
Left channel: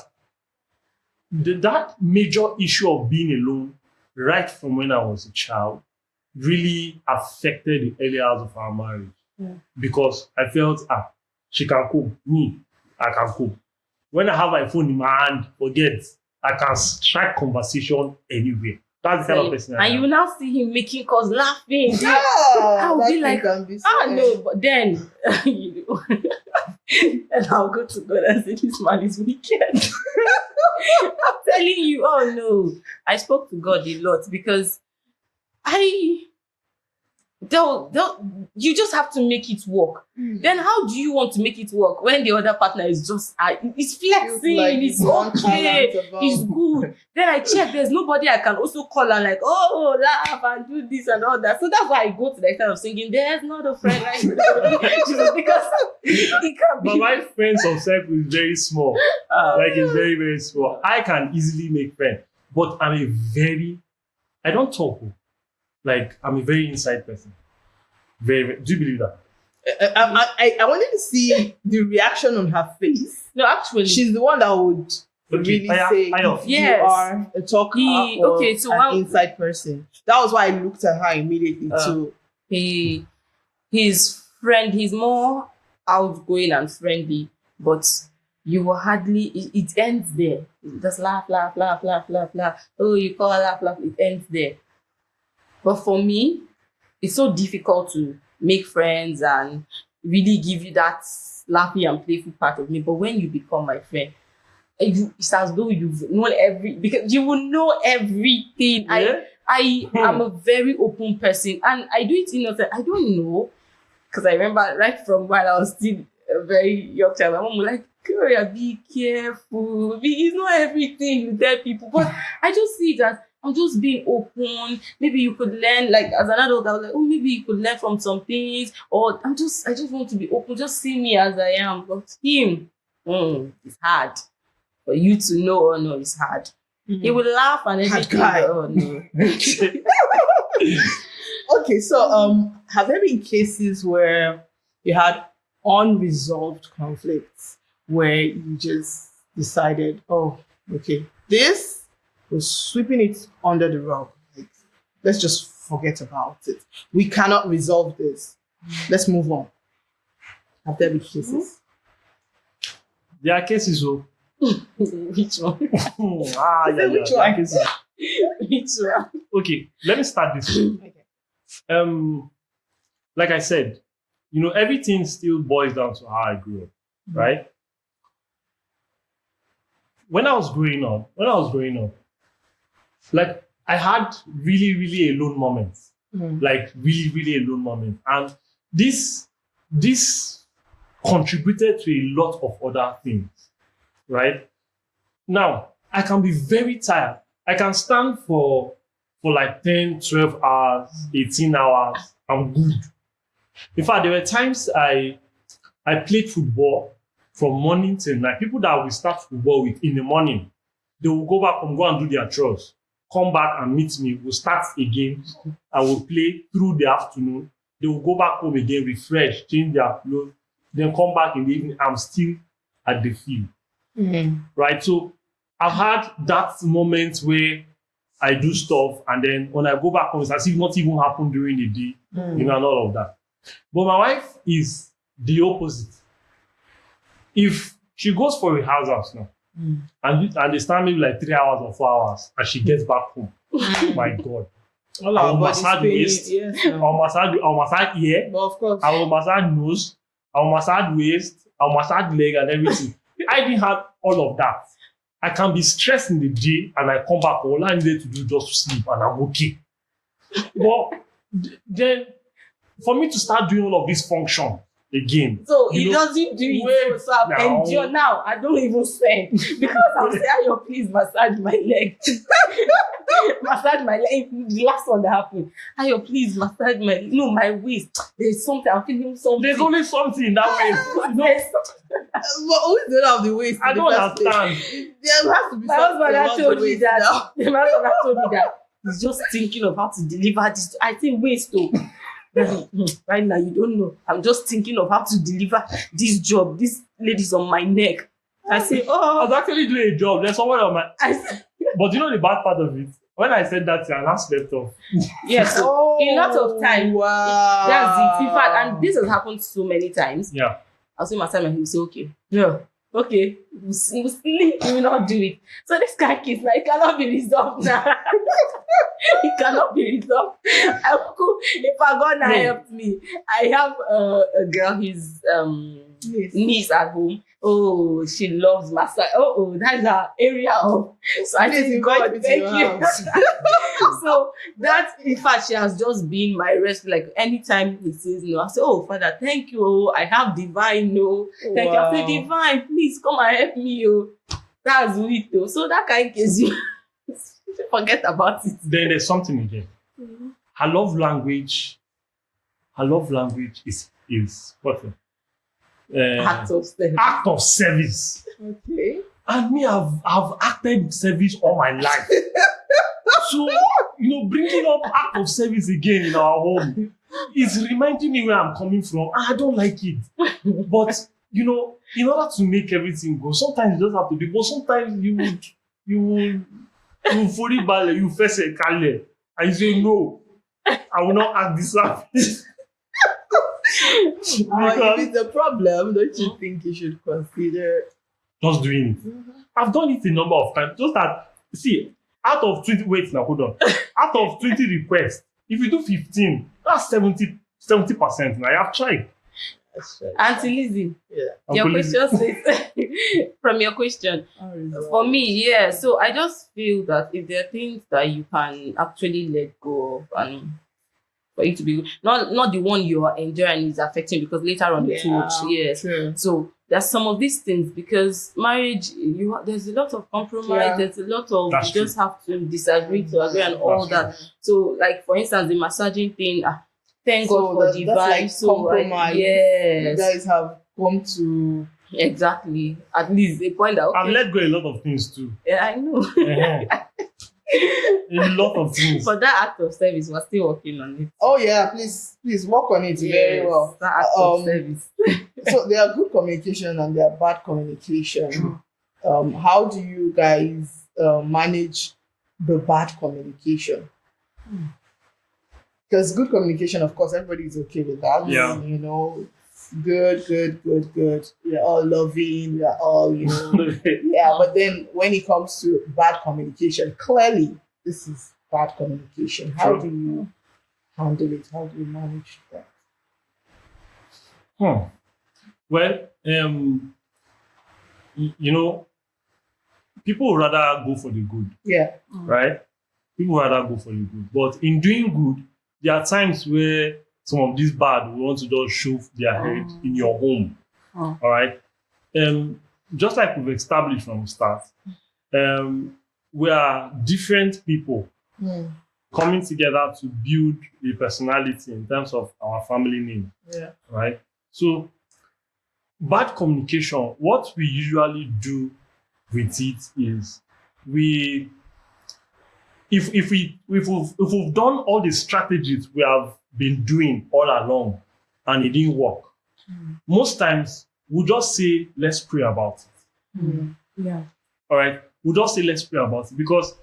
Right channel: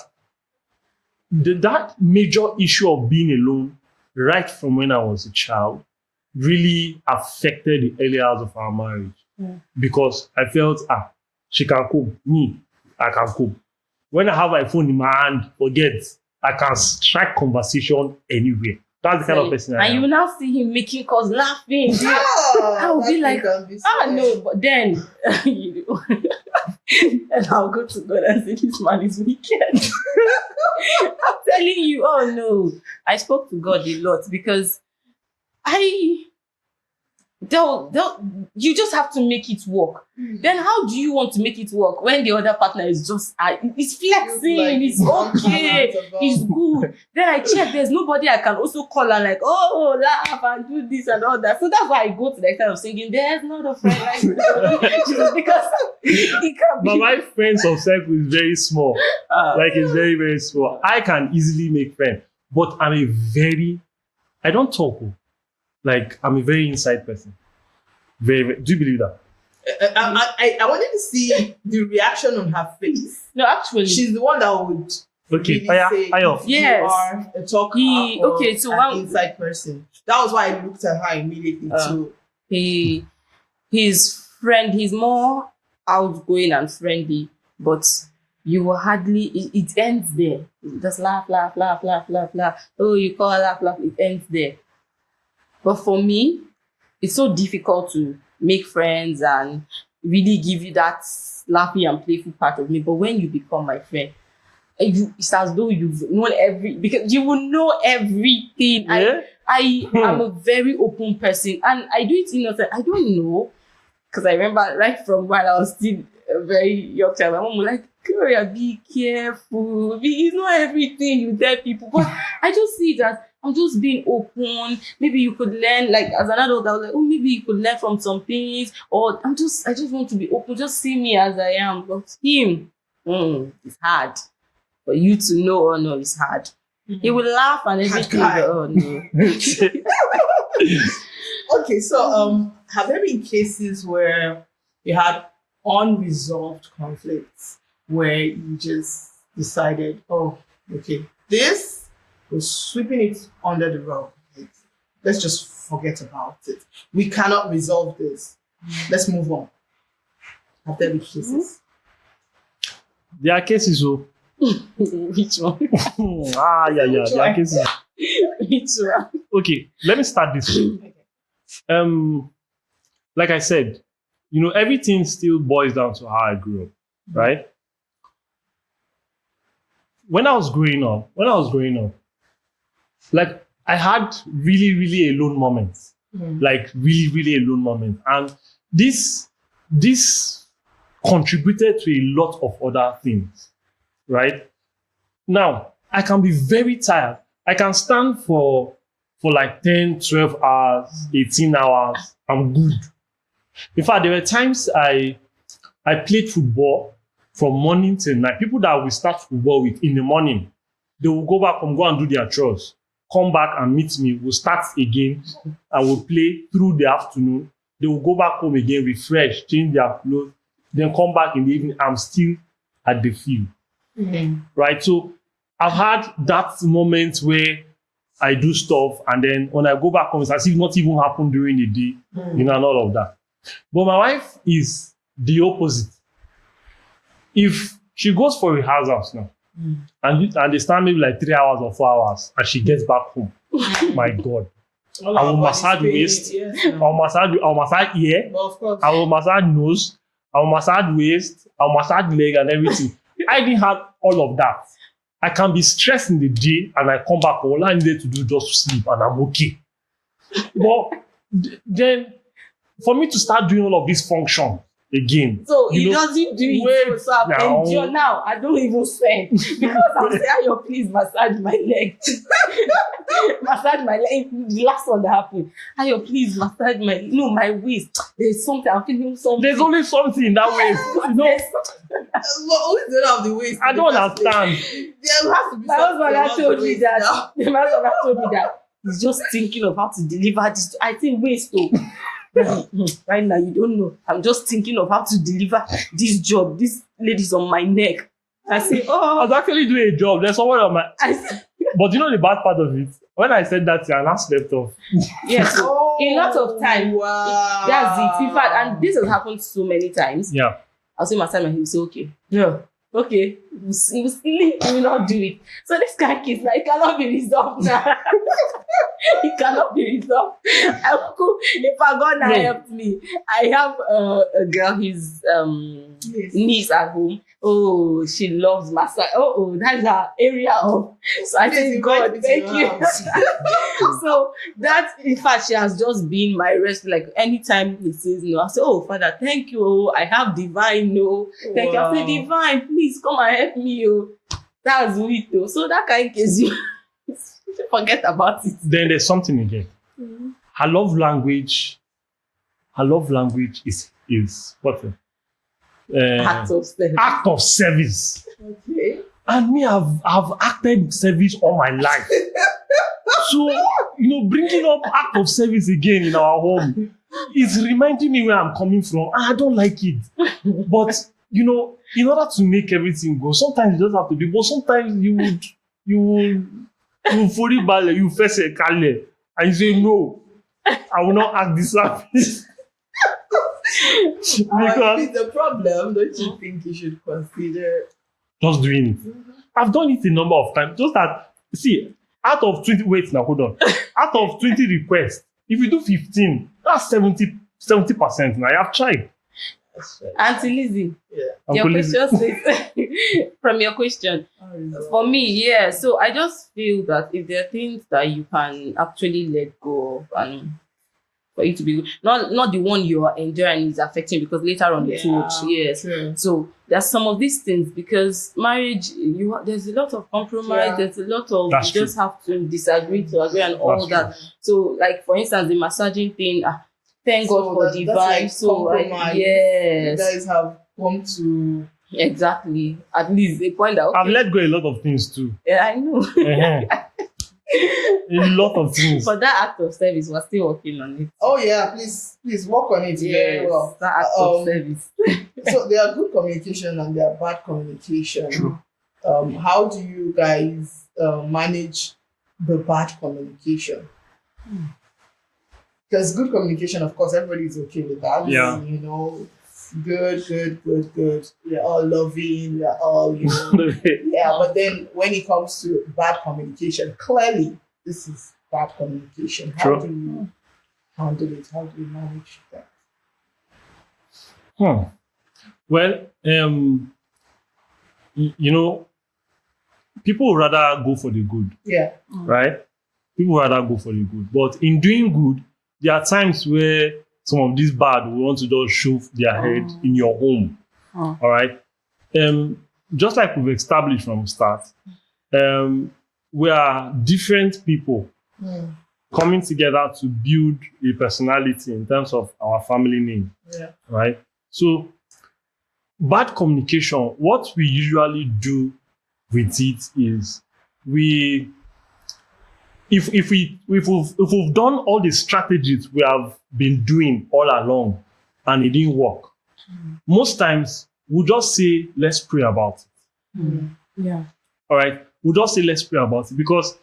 that major issue of being alone right from when I was a child really affected the early hours of our marriage. Because I felt, she can cope. Me, I can cope. When I have my phone in my hand, forget, I can strike conversation anywhere. That's the kind of person I am. And you will now see him making calls, laughing. I will be like, no, but then, and I'll go to God and say, this man is wicked. I'm telling you, oh no. I spoke to God a lot because you just have to make it work. Then how do you want to make it work when the other partner is just it's flexing, like it's okay, it's good. Then I check, there's nobody I can also call and like, oh, laugh and do this and all that. So that's why I go to the extent of singing, there's not a friend like you, because it can be. But my friends of circle is very small. It's very, very small. I can easily make friends, but I don't talk. I'm a very inside person. Very, very, do you believe that? I wanted to see the reaction on her face. No, actually, she's the one that would really say if you are a talker or an inside person. That was why I looked at her immediately too. He's more outgoing and friendly, but you will hardly. It ends there. Just laugh. Oh, you call laugh. It ends there. But for me, it's so difficult to make friends and really give you that laughing and playful part of me. But when you become my friend, it's as though you've known because you will know everything. Yeah. I am a very open person, and I do it innocent. I don't know, because I remember right from when I was still a very young child, my mom was like, "Gloria, be careful. It's not everything you tell people." But I just see that I'm just being open. Maybe you could learn, like as an adult, I was like, oh, maybe you could learn from some things, or I just want to be open. Just see me as I am. But him, it's hard for you to know. Oh no, it's hard. He will laugh and everything. guy. Oh no. Okay, so have there been cases where you had unresolved conflicts where you just decided, oh, okay, this was sweeping it under the rug. Like, let's just forget about it. We cannot resolve this. Let's move on. Have there been cases? There are cases, oh. Which one? Yeah. Which There are one? cases. Which one? Okay, let me start this way. Like I said, everything still boils down to how I grew up, right? When I was growing up, like I had really, really alone moments, like really, really alone moments, and this contributed to a lot of other things, right? Now, I can be very tired. I can stand for like 10, 12 hours, 18 hours. I'm good. In fact, there were times I played football from morning till night. People that we start football with in the morning, they will go back and go and do their chores, come back and meet me. We'll start again. I will play through the afternoon. They will go back home again, refresh, change their clothes, then come back in the evening. I'm still at the field. Right? So I've had that moment where I do stuff, and then when I go back home, it's as if not even happened during the day, and all of that. But my wife is the opposite. If she goes for rehearsals now, and they start maybe like 3 hours or 4 hours, and she gets back home, my God. I will massage waist, I'll massage ear, Well, of course. I will massage nose, I will massage waist, I'll massage leg and everything. I didn't have all of that. I can be stressed in the day and I come back, all I needed to do just to sleep and I'm okay. But then for me to start doing all of this function again. So he doesn't do it. So I've now. endured now. I don't even send because I'll say, "Ayo, please massage my leg." Massage my leg. The last one that happened. "Ayo, please massage my waist." There's something. I'm feeling something. There's only something in that way. There's Well, always don't have the waist. I don't understand. There has to be my husband had something told about the me waist that. now. My husband had told me that he's just thinking of how to deliver this. I think waist though. Right now, you don't know. I'm just thinking of how to deliver this job. This lady's on my neck. I say, I oh, was actually doing a job. There's someone on my. I say, But the bad part of it, when I said that, I now slept off. yes. So a lot of time, Wow. that's it. In fact, and this has happened so many times. Yeah. I'll say my time and he'll say, okay, yeah, okay. He will sleep, he will not do it. So this guy kiss now, it cannot be resolved now. It cannot be resolved. If God now helped me, I have a girl, his niece at home. Oh, she loves massage. Oh, that's her area of. So I say, God, thank you. So that, in fact, she has just been my rest. Like anytime he says no, I say, oh, Father, thank you. Oh, I have divine no. Thank you. I say, divine, please come and help me. Oh, that's it. Oh. So that kind of case, you forget about it. Then there's something again. Her love language is what? Act of service. Act of service. Okay. And me, I've acted service all my life. So, bringing up act of service again in our home is reminding me where I'm coming from. And I don't like it. But, in order to make everything go, sometimes you just have to do, but sometimes you will fully ballet, you face a kale, and you say, no, I will not act this service. If it's a problem, don't you think you should consider just doing it? I've done it a number of times. Just that, see, out of 20, wait now, hold on. Out of 20 requests, if you do 15, That's 70%. Now I have tried. That's right. Auntie Lizzie, Yeah. your Uncle Lizzie. question says, from your question, for me, yeah. So I just feel that if there are things that you can actually let go of and for it to be not the one you are enjoying is affecting because later on it would, yes. True. So there's some of these things because marriage, there's a lot of compromise, Yeah. there's a lot of That's you just have to disagree to agree and all That's that. So like for instance the massaging thing, thank God for the that's like vibe. So compromise. yes. You guys have come to Exactly. At least a point that I've okay, let go a lot of things too. yeah, I know. A lot of things. But that act of service, we're still working on it. oh yeah, please work on it very well. That act of service. So there are good communication and there are bad communication. True. How do you guys manage the bad communication? Because good communication, of course, everybody's okay with that. Yeah. You know, good. We're all loving. We're all, you know. Yeah, but then when it comes to bad communication, clearly this is bad communication. How True. do you handle it? How do you manage that? Well, you know, people would rather go for the good, Yeah. right? People would rather go for the good. But in doing good, there are times where some of these bad will want to just shove their head in your home. All right. Just like we've established from the start, we are different people coming together to build a personality in terms of our family name. Yeah. Right? So, bad communication, what we usually do with it is if we've done all the strategies we have been doing all along and it didn't work, most times we'll just say, let's pray about it. Yeah. All right? We'll just say, let's pray about it because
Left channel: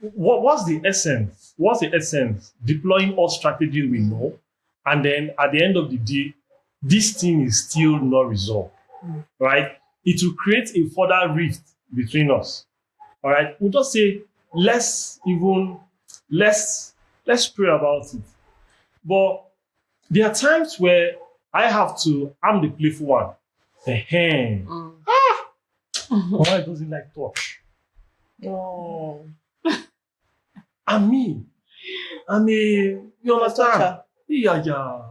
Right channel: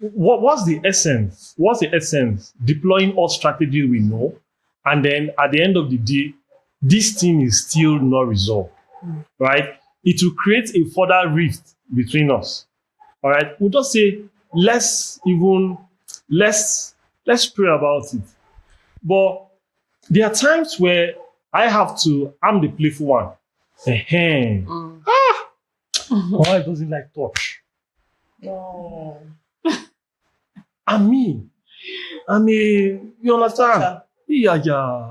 what's the essence? What's the essence? Deploying all strategies we know, and then at the end of the day, this thing is still not resolved, right? It will create a further rift between us, all right? We'll just say, let's pray about it. But there are times where I'm the playful one. Why doesn't like touch? Oh. And me, you understand? Toucher. Yeah.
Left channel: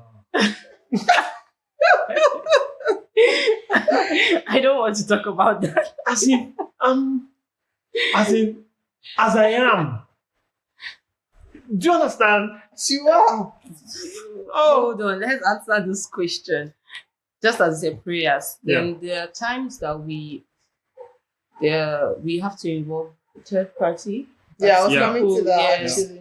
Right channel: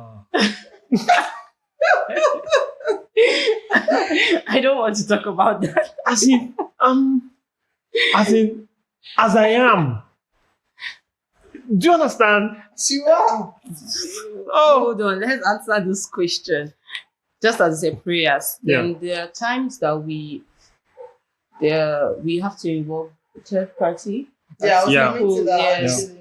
I don't want to talk about that. As I am. Do you understand? You are. Hold on, let's answer this question. Just as a prayers, then there are times that we have to involve a third party. Yeah, I was Yeah. coming to that Yes. actually.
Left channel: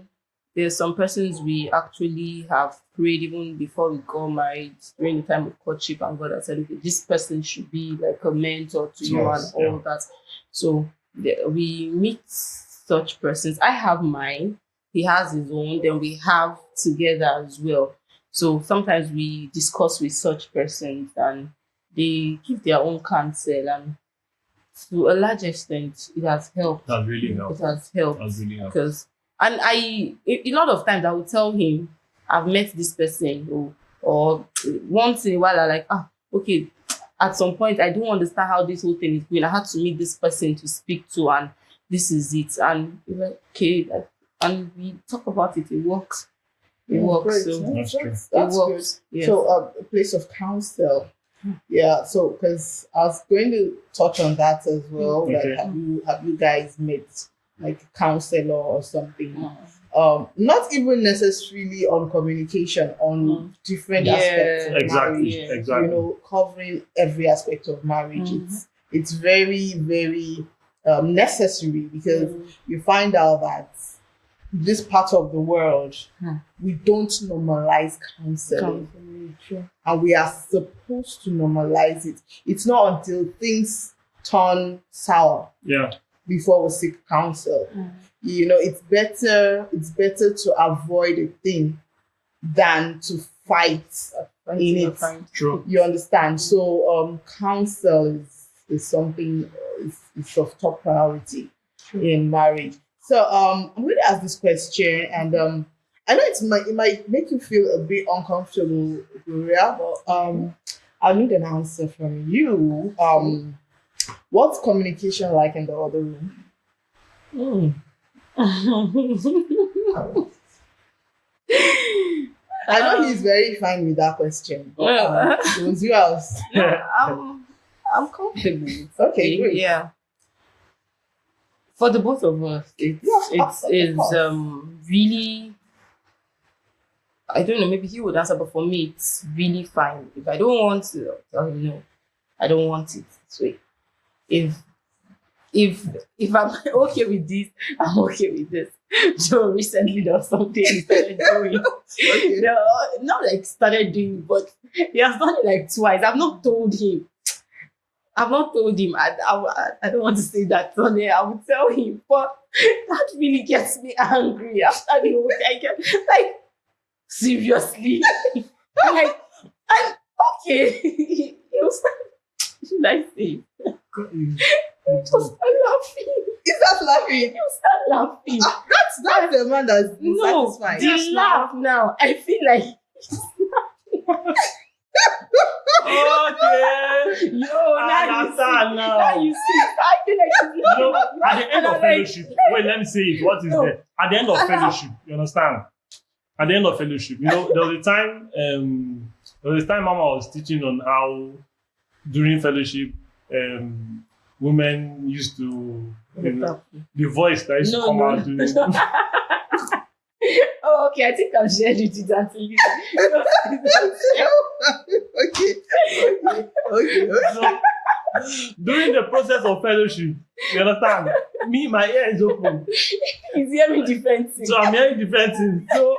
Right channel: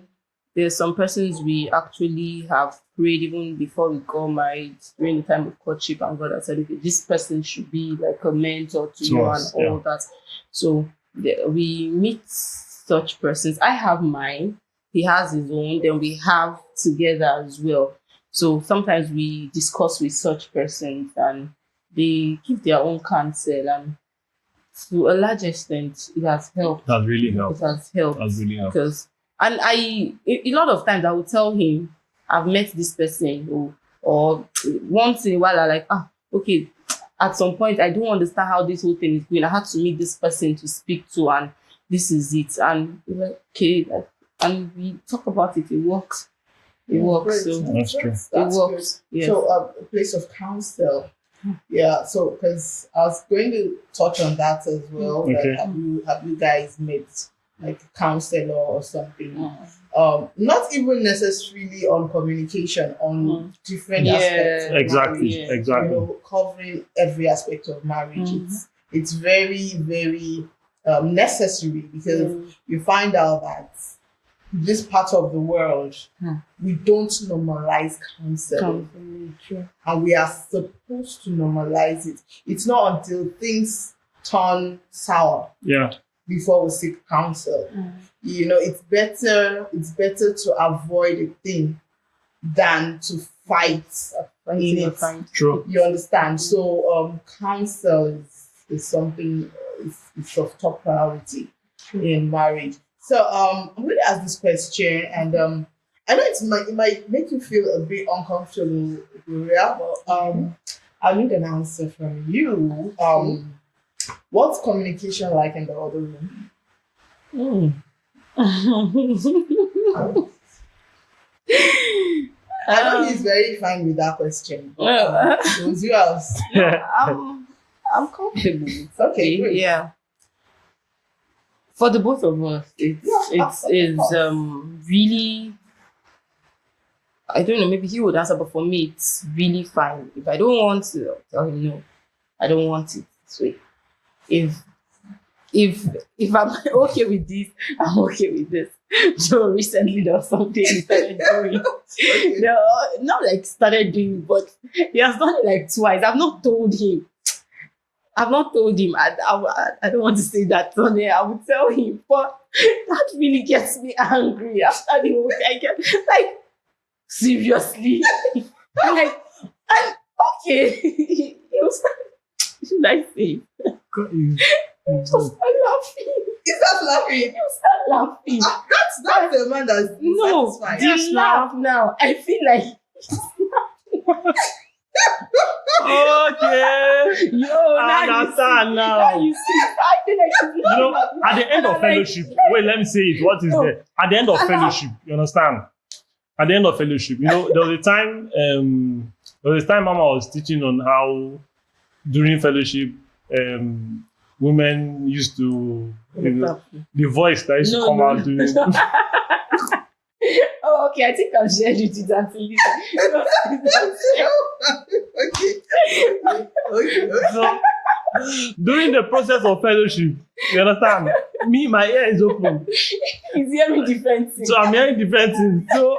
There's some persons we actually have prayed even before we got married during the time of courtship, and God has said, okay, this person should be like a mentor to you and Yes, all that. So we meet such persons. I have mine, he has his own, then we have together as well. So sometimes we discuss with such persons and they give their own counsel, and to a large extent it has helped. That really It helps. has helped. That really helps. Because a lot of times I will tell him I've met this person, or once in a while I like, okay, at some point I don't understand how this whole thing is going. I had to meet this person to speak to, and this is it. And we're like, okay, and we talk about it. It works. It works. Great. So That's true. it works. Yeah. So a place of counsel. Yeah. So because I was going to touch on that as well. Okay. Like, have you guys met like a counselor or something? Not even necessarily on communication, on different aspects of Exactly. marriage. Exactly. You know, covering every aspect of marriage. It's very, very necessary because you find out that this part of the world, we don't normalize counseling. And we are supposed to normalize it. It's not until things turn sour before we seek counsel. You know, it's better to avoid a thing than to fight in it. True. You understand? So counsel is something is of top priority in marriage. So I'm going to ask this question, and I know it might make you feel a bit uncomfortable, Gloria, but I need an answer from you. What's communication like in the other room? Mm. I know he's very fine with that question. But, it was you else. I'm comfortable. It's Okay, great. Yeah. For the both of us, Yeah, it's really, I don't know, maybe he would answer, but for me it's really fine. If I don't want to, I'll tell him no. I don't want it this way. If if I'm okay with this, I'm okay with this. Joe recently does something he started doing. Okay. No, not like started doing, but he has done it like twice. I've not told him. I don't want to say that on there. I would tell him, but that really gets me angry. After the whole thing, I get like, seriously. I'm like, okay. He was like, should I say? He just started laughing. Is that laughing? He started laughing. That's the man that's No, satisfied. the laugh now. I feel like Okay. yo, I now you understand see, now. now you see. I feel like he's You know, laughing. at the end And of I'm like, fellowship, wait, let me say it. What is No. there? At the end of fellowship, you understand? At the end of fellowship, you know, there was a time Mama was teaching on how during fellowship, women used to, you know, the voice that used to come out during. Oh, okay. I think I've shared it with Auntie Okay. So, during the process of fellowship, you understand? Me, my ear is open. He's hearing different things. So I'm hearing different things. So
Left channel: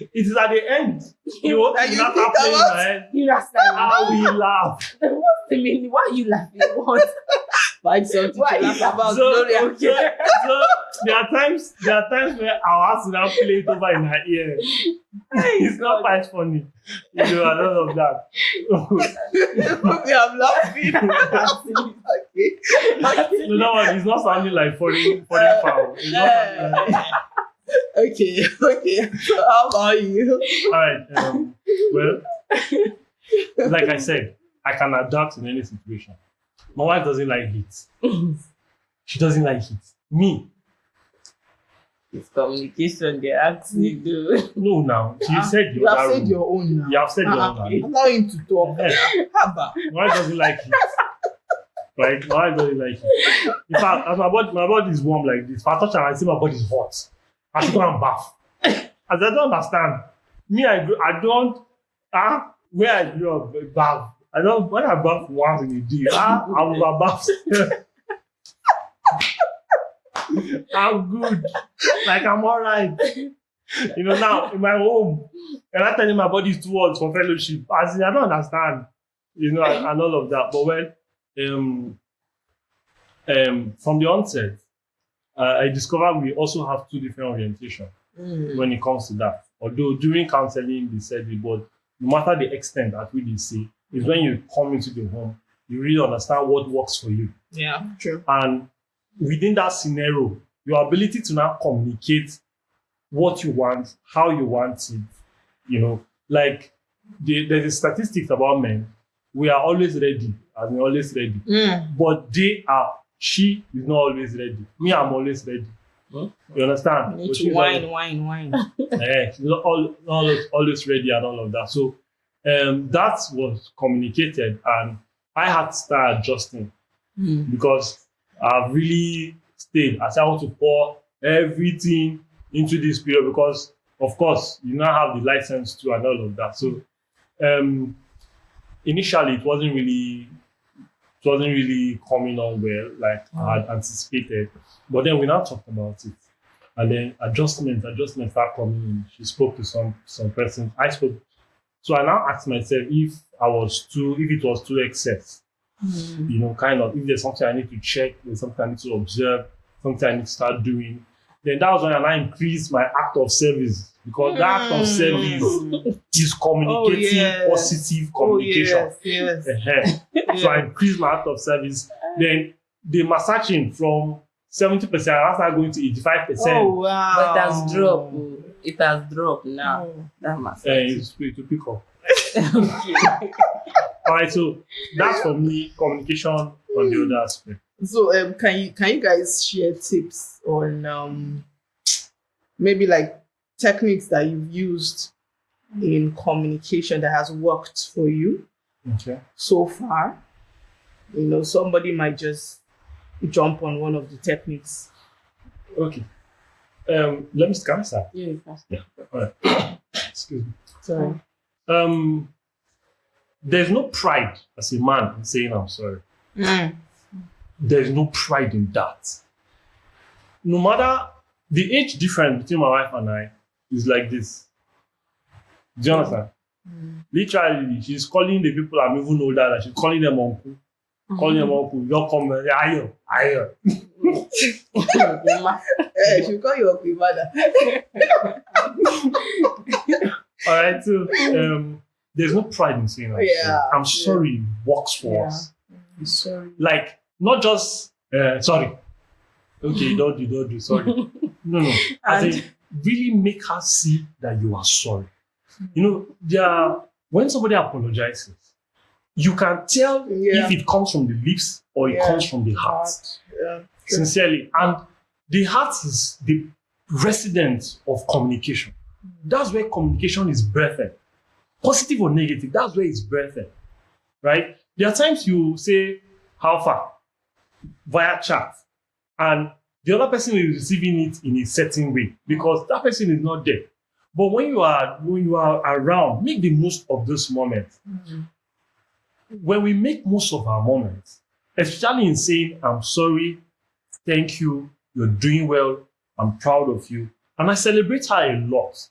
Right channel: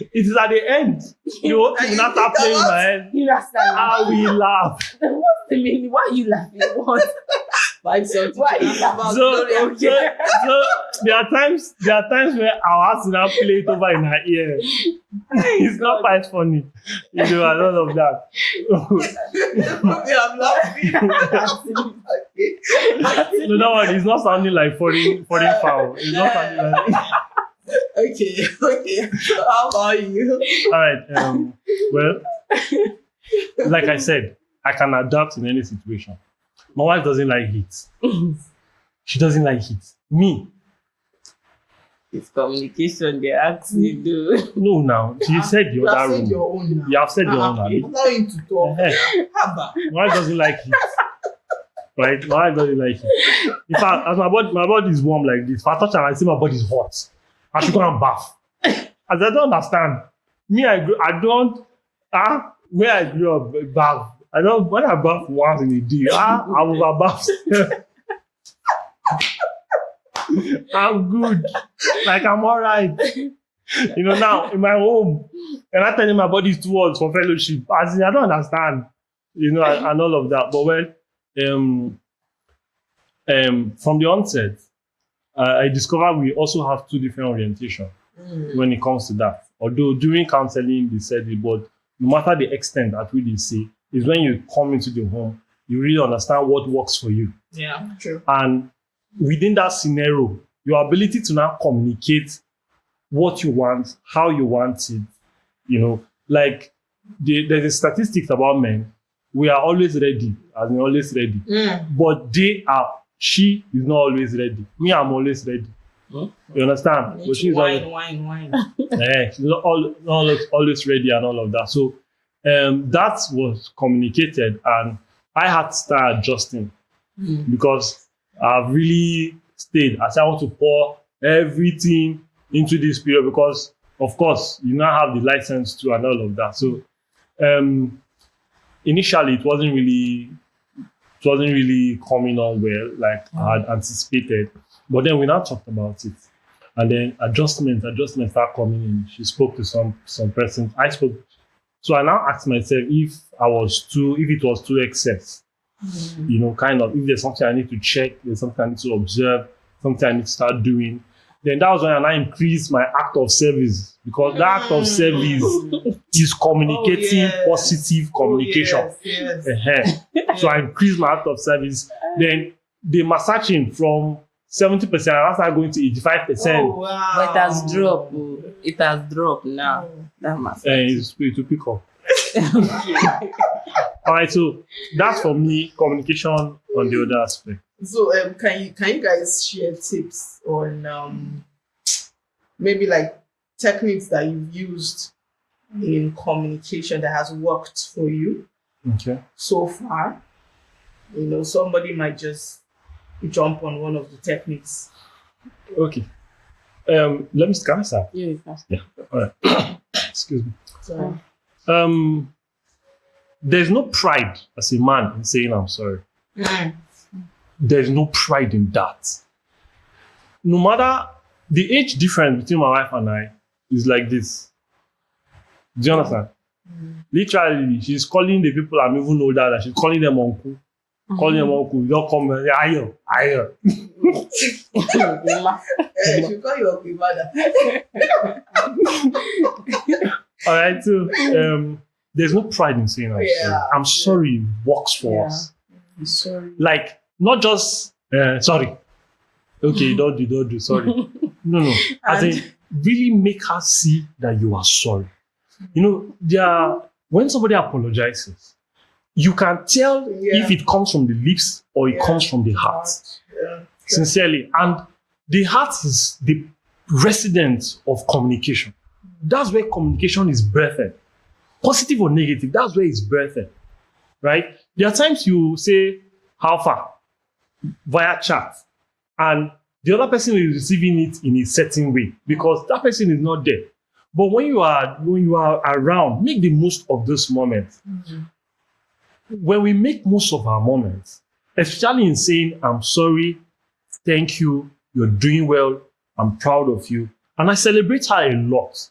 it is at the end. You And you not think playing about- my head. You understand? How we laugh. What's the meaning? Why are you laughing? What? Find something Why to is laugh that? about. So, Gloria. so there are times where I'll have to now play it over in her ear. It's not quite funny. You know, and all of that. Okay, I'm laughing. Okay. No, that one is not sounding like foreign foul. It's not sounding like Okay. So how about you? all right. Well, like I said, I can adapt in any situation. My wife doesn't like heat. She doesn't like heat. Me, It's communication they ask you do. no, now. She said You the have other said room. your own now. You have said your own now. Allow him to talk. Haba. My wife doesn't like heat. Right? My wife doesn't like heat. In fact, as my body is warm like this, if I touch her, I see my body is hot. I should go and bath. As I don't understand. Me, I don't, where I grew up, bath. I don't, when I bath once in a day, I will bath. I'm good. Like, I'm all right. You know, now, in my home, and I tell you my body is too hot for fellowship. I don't understand. You know, and all of that. But when, from the onset, I discovered we also have two different orientations when it comes to that. Although during counseling, they said it, but no matter the extent at which they say, is when you come into the home, you really understand what works for you. Yeah, true. And within that scenario, your ability to now communicate what you want, how you want it, you know, like there's a statistics about men. We are always ready, as in always ready. But she is not always ready. Me, I'm always ready. Huh? You understand? You need But to she's wine. she's not always ready and all of that. So that was communicated, and I had to start adjusting because I've really stayed. I said I want to pour everything into this period because, of course, you now have the license to and all of that. So initially, it wasn't really coming on well, like I had anticipated. But then we now talked about it. And then adjustment started coming in. She spoke to some person. I spoke. So I now asked myself if it was too excess. You know, kind of, if there's something I need to check, there's something I need to observe, something I need to start doing. Then that was when I now increased my act of service, because that act of service is communicating positive communication. Yes. So I increased my act of service. Then the massaging from 70%, I started going to 85%. Oh, wow. But it has dropped. It has dropped now. That must It's to pick up. All right, so that's for me communication on the other aspect. So can you guys share tips on maybe like techniques that you've used in communication that has worked for you Okay. so far? Somebody might just jump on one of the techniques. Okay. Let me start. Yeah, that's All right. Excuse me. So There's no pride as a man in saying I'm sorry. mm, There's no pride in that. No matter the age difference between my wife and I is like this. Do you understand? Literally, she's calling the people I'm even older than, she's calling them uncle. Calling them uncle. Don't come and say, ayo. she'll call you up father. All right, so there's no pride in saying I'm sorry. I'm sorry works for us. I'm sorry. Like, not just sorry. Okay, don't do, sorry. No. As in, really make her see that you are sorry. When somebody apologizes, you can tell if it comes from the lips or it comes from the heart. Sincerely. And the heart is the resident of communication. That's where communication is birthed. Positive or negative, that's where it's birthed. Right? There are times you say, how far? Via chat. And the other person is receiving it in a certain way because that person is not there. But when you are around, make the most of those moments. When we make most of our moments, especially in saying, I'm sorry, thank you, you're doing well, I'm proud of you. And I celebrate her a lot.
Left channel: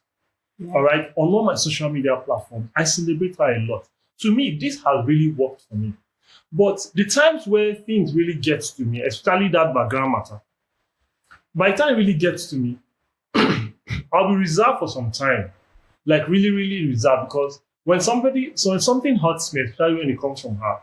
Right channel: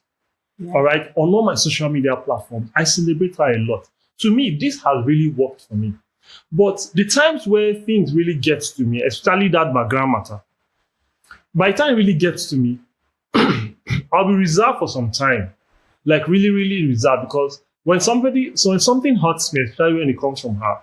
Yeah. All right. On all my social media platforms, I celebrate her a lot. To me, this has really worked for me. But the times where things really get to me, especially that background matter, by the time it really gets to me, I'll be reserved for some time. Like really, really reserved, because when something hurts me, especially when it comes from her,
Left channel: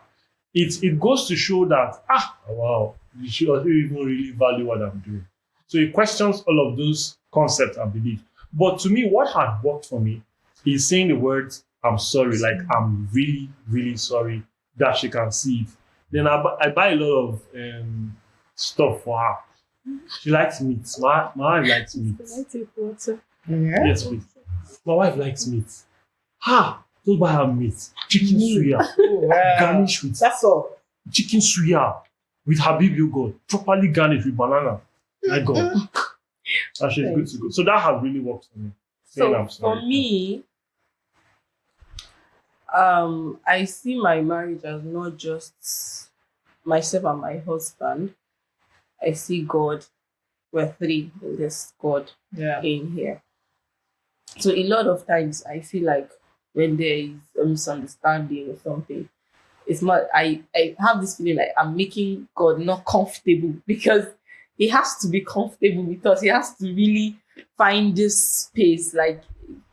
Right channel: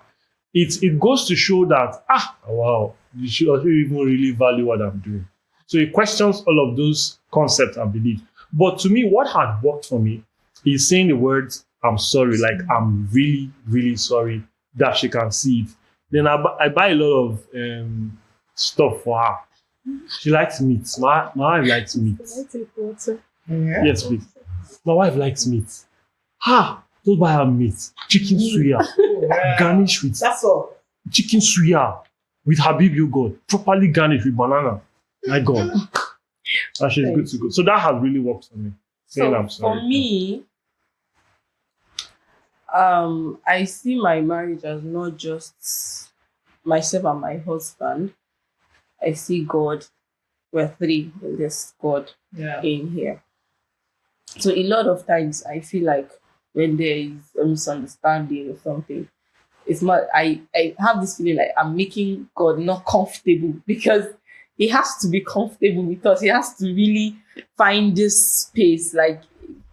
it goes to show that, wow, you should even really value what I'm doing. So it questions all of those concepts and beliefs. But to me, what has worked for me is saying the words, I'm sorry, like I'm really, really sorry, that she can see it. Then I buy a lot of stuff for her. She likes meat. My wife likes meat. Can I take water? Yeah. Yes, please. My wife likes meat. Don't buy her meat. Chicken suya. Garnish with That's all. chicken suya with Habib yogurt, properly garnished with banana. My God. And she's good to go. So that has really worked for me. So for me, I see my marriage as not just myself and my husband. I see God. We're three in this God in here. So a lot of times I feel like when there is a misunderstanding or something, it's not. I have this feeling like I'm making God not comfortable because He has to be comfortable with us. He has to really find this space like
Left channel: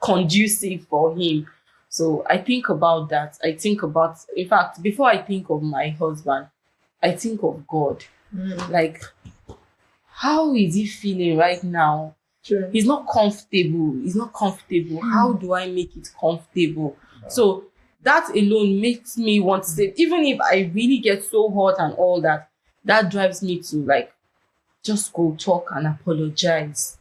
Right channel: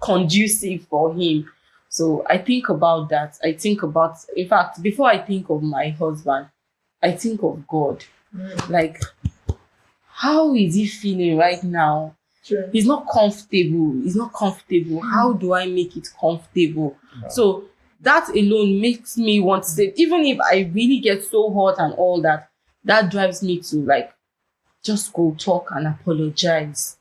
conducive for Him. So I think about that. In fact, before I think of my husband, I think of God. Like, how is He feeling right now? Sure. He's not comfortable. How do I make it comfortable? Yeah. So that alone makes me want to say, even if I really get so hot and all that, that drives me to like just go talk and apologize.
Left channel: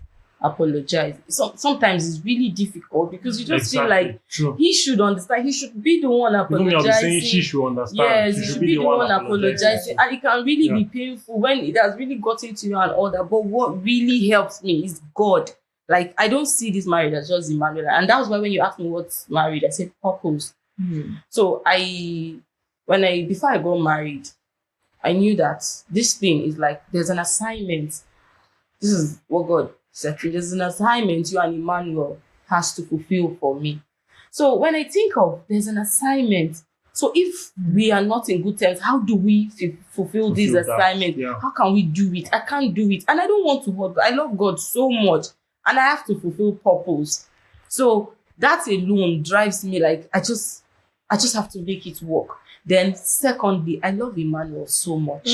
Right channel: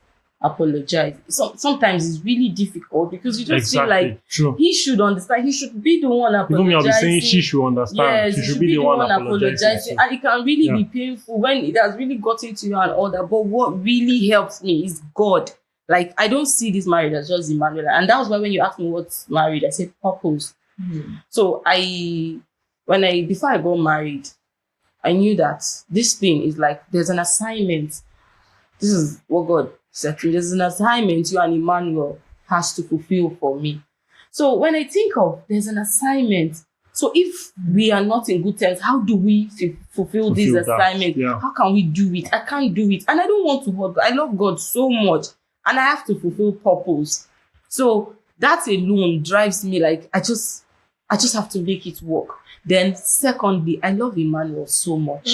So sometimes it's really difficult because you just feel like He should understand. He should be the one apologizing. Even saying she should understand. Yes, he should be the one apologizing. And it can really be painful when it has really gotten to you and all that. But what really helps me is God. Like, I don't see this marriage as just Emmanuel. And that was why when you asked me what's married, I said purpose. So before I got married, I knew that this thing is like, there's an assignment. This is what God said. There's an assignment you and Emmanuel has to fulfill for me. So when I think of there's an assignment, so if we are not in good terms, how do we fulfill this assignment? Yeah. How can we do it? I can't do it. And I don't want to hurt God. I love God so much. And I have to fulfill purpose. So that alone drives me like, I just have to make it work. Then secondly, I love Emmanuel so much.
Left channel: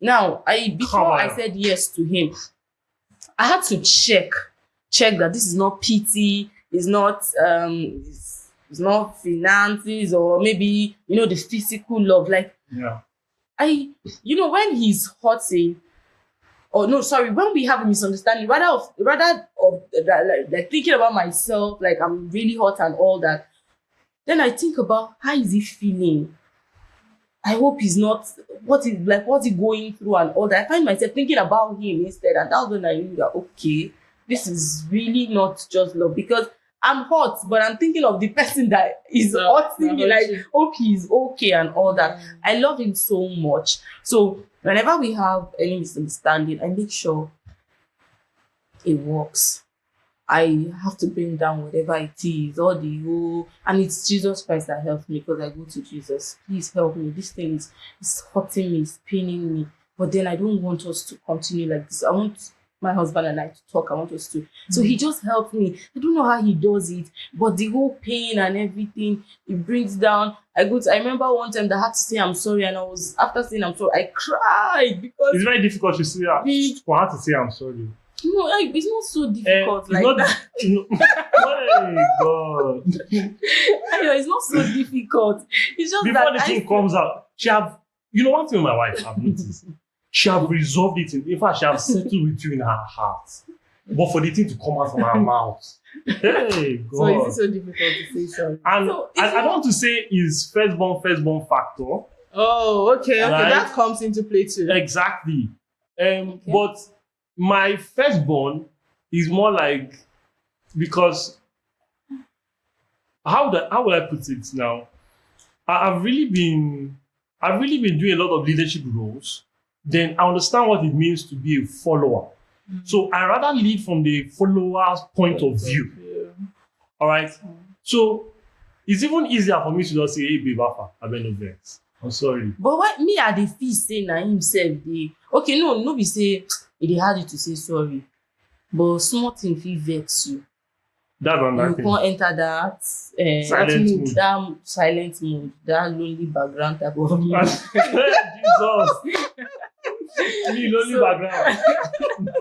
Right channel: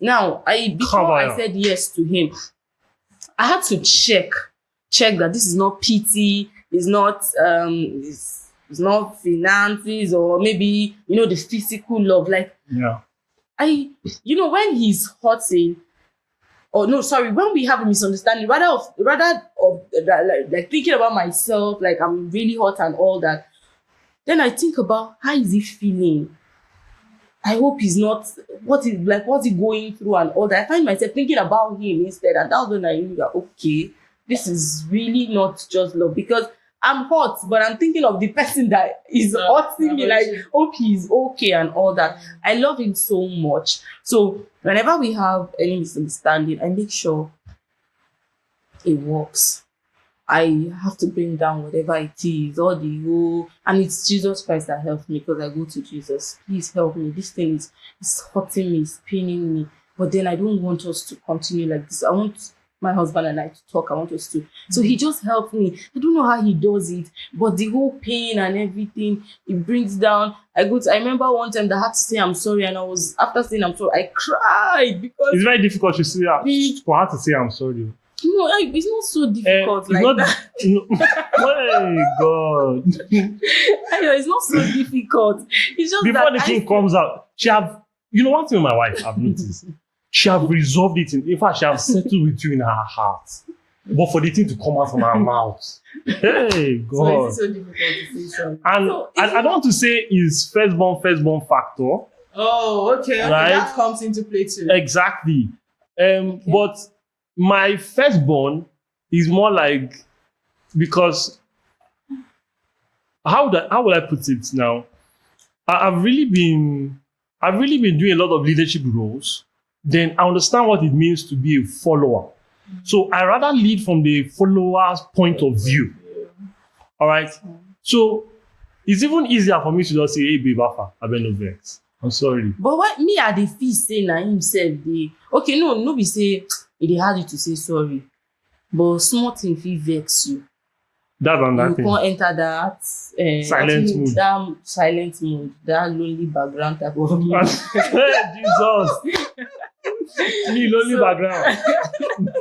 Now, before I said yes to him, I had to check check that this is not pity, it's not finances, or maybe the physical love. Like Yeah. when he's hurting, or no, sorry, when we have a misunderstanding, rather of that, like thinking about myself, like I'm really hurt and all that, then I think about how is he feeling. I hope he's not, what's he going through and all that. I find myself thinking about him instead, and that's when I knew that, okay, this is really not just love, because I'm hot, but I'm thinking of the person that is hurting me, like, hope he's okay and all that. I love him so much. So whenever we have any misunderstanding, I make sure it works. I have to bring down whatever it is, all the whole, and it's Jesus Christ that helps me, because I go to Jesus. Please help me. This thing is hurting me, it's paining me. But then I don't want us to continue like this. I want my husband and I to talk. I want us to. So he just helped me. I don't know how he does it, but the whole pain and everything, it brings down. I remember one time that I had to say I'm sorry, and after saying I'm sorry, I cried because It's very difficult to say that. For her to say I'm sorry. no, it's not so difficult like that. My God. I know it's not so difficult. It's just Before that the thing comes out, she have, one thing with my wife I've noticed, she have resolved it. In fact, she have settled with you in her heart. But for the thing to come out from her mouth, hey, God. So is it so difficult to say sorry? And I don't want to say is firstborn factor. Oh, okay. Right? That comes into play too. Exactly. But my firstborn is more like, because how would I put it now? I've really been doing a lot of leadership roles. Then I understand what it means to be a follower. So I rather lead from the follower's point of view. All right. So it's even easier for me to just say, "Hey, babe, I been no vex. I'm sorry." But what me at the feel say na himself dey okay, no be say e dey hard you to say sorry, but small thing fit vex you. That's another You thing. can't enter that Silent mood. that silent mood, that lonely background type of mood. Jesus. Me, lonely background.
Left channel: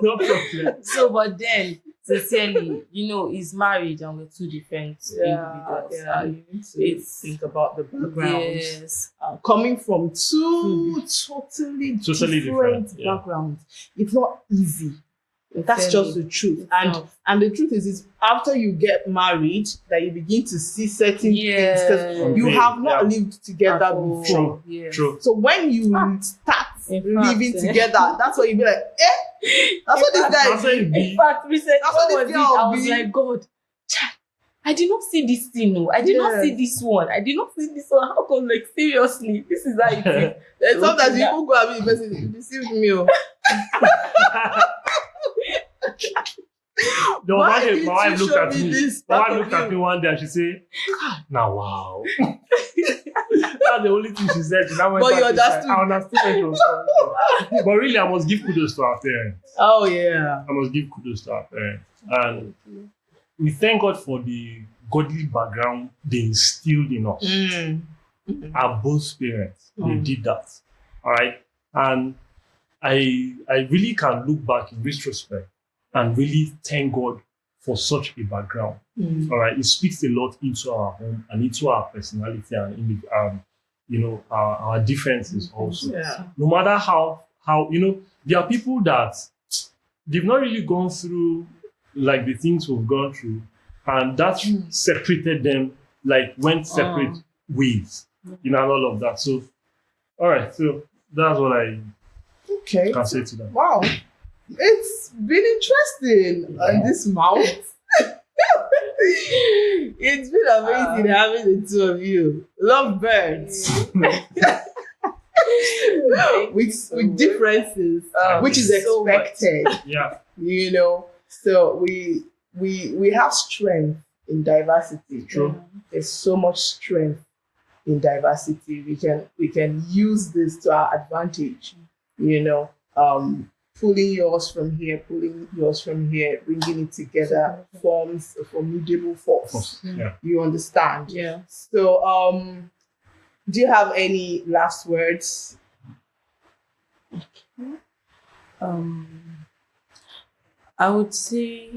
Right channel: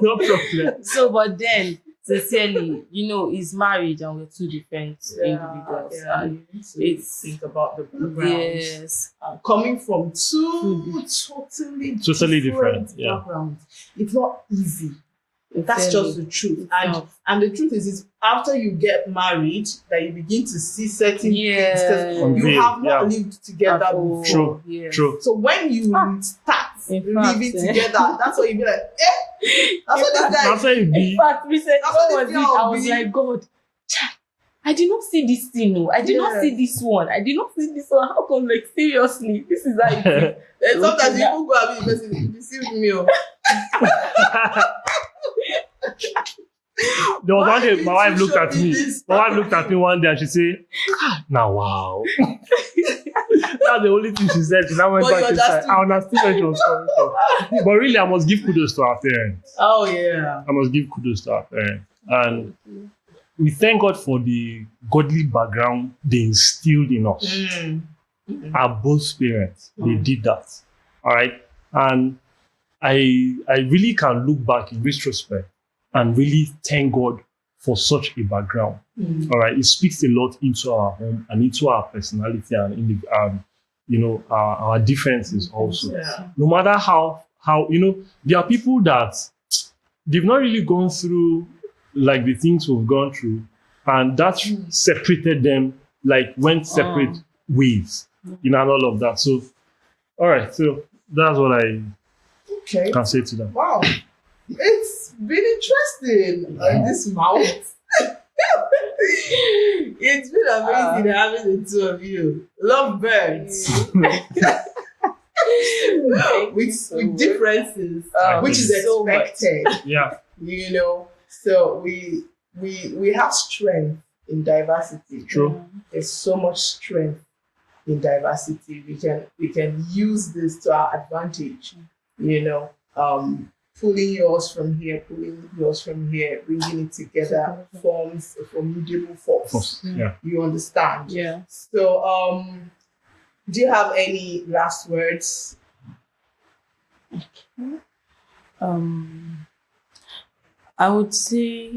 No problem. So, but then sincerely, he's married and we're two different individuals. Yeah, And you need to it's think about the background. yes, Coming from two totally different, yeah. backgrounds, it's not easy. That's sincerely, just the truth. it's And not. and the truth is after you get married that you begin to see certain things Yes. because you have not Yeah. lived together At all. before. Yes. True. So when you start In fact, living together, that's what you be like, that's what this guy That's how it In be. fact, recently, That's what what was this it? girl I was be. like, God, chai, I did not see this thing. No, I did not Yes. see this one. I did not see this one. How come? Like seriously, this is how it is. then sometimes Okay, you even go and be the person you deceived me. Oh. The one Why day did my wife you looked show at me me. this My part wife of looked at you? me one day and she said, "Now wow." That's the only thing she said. She now went But back you inside. understood. I understood where she was coming from. But really, I must give kudos to our parents. Oh yeah. I must give kudos to our parents. And we thank God for the godly background they instilled in us. Our both parents, they did that. All right. And I really can look back in retrospect and really thank God for such a background. All right. It speaks a lot into our home and into our personality and in the, our differences also. Yeah. No matter how there are people that they've not really gone through like the things we've gone through, and that separated them, like went separate ways, and all of that. So, all right, so that's what I Okay. can say to them. Wow. It's been interesting on this mount. It's been amazing having the two of you. Love birds. with differences, which is so expected. Yeah, So we have strength in diversity. true. There's so much strength in diversity. We can use this to our advantage. Pulling yours from here, bringing it together forms a formidable force. Yeah. You understand? Yeah. So, do you have any last words? I would say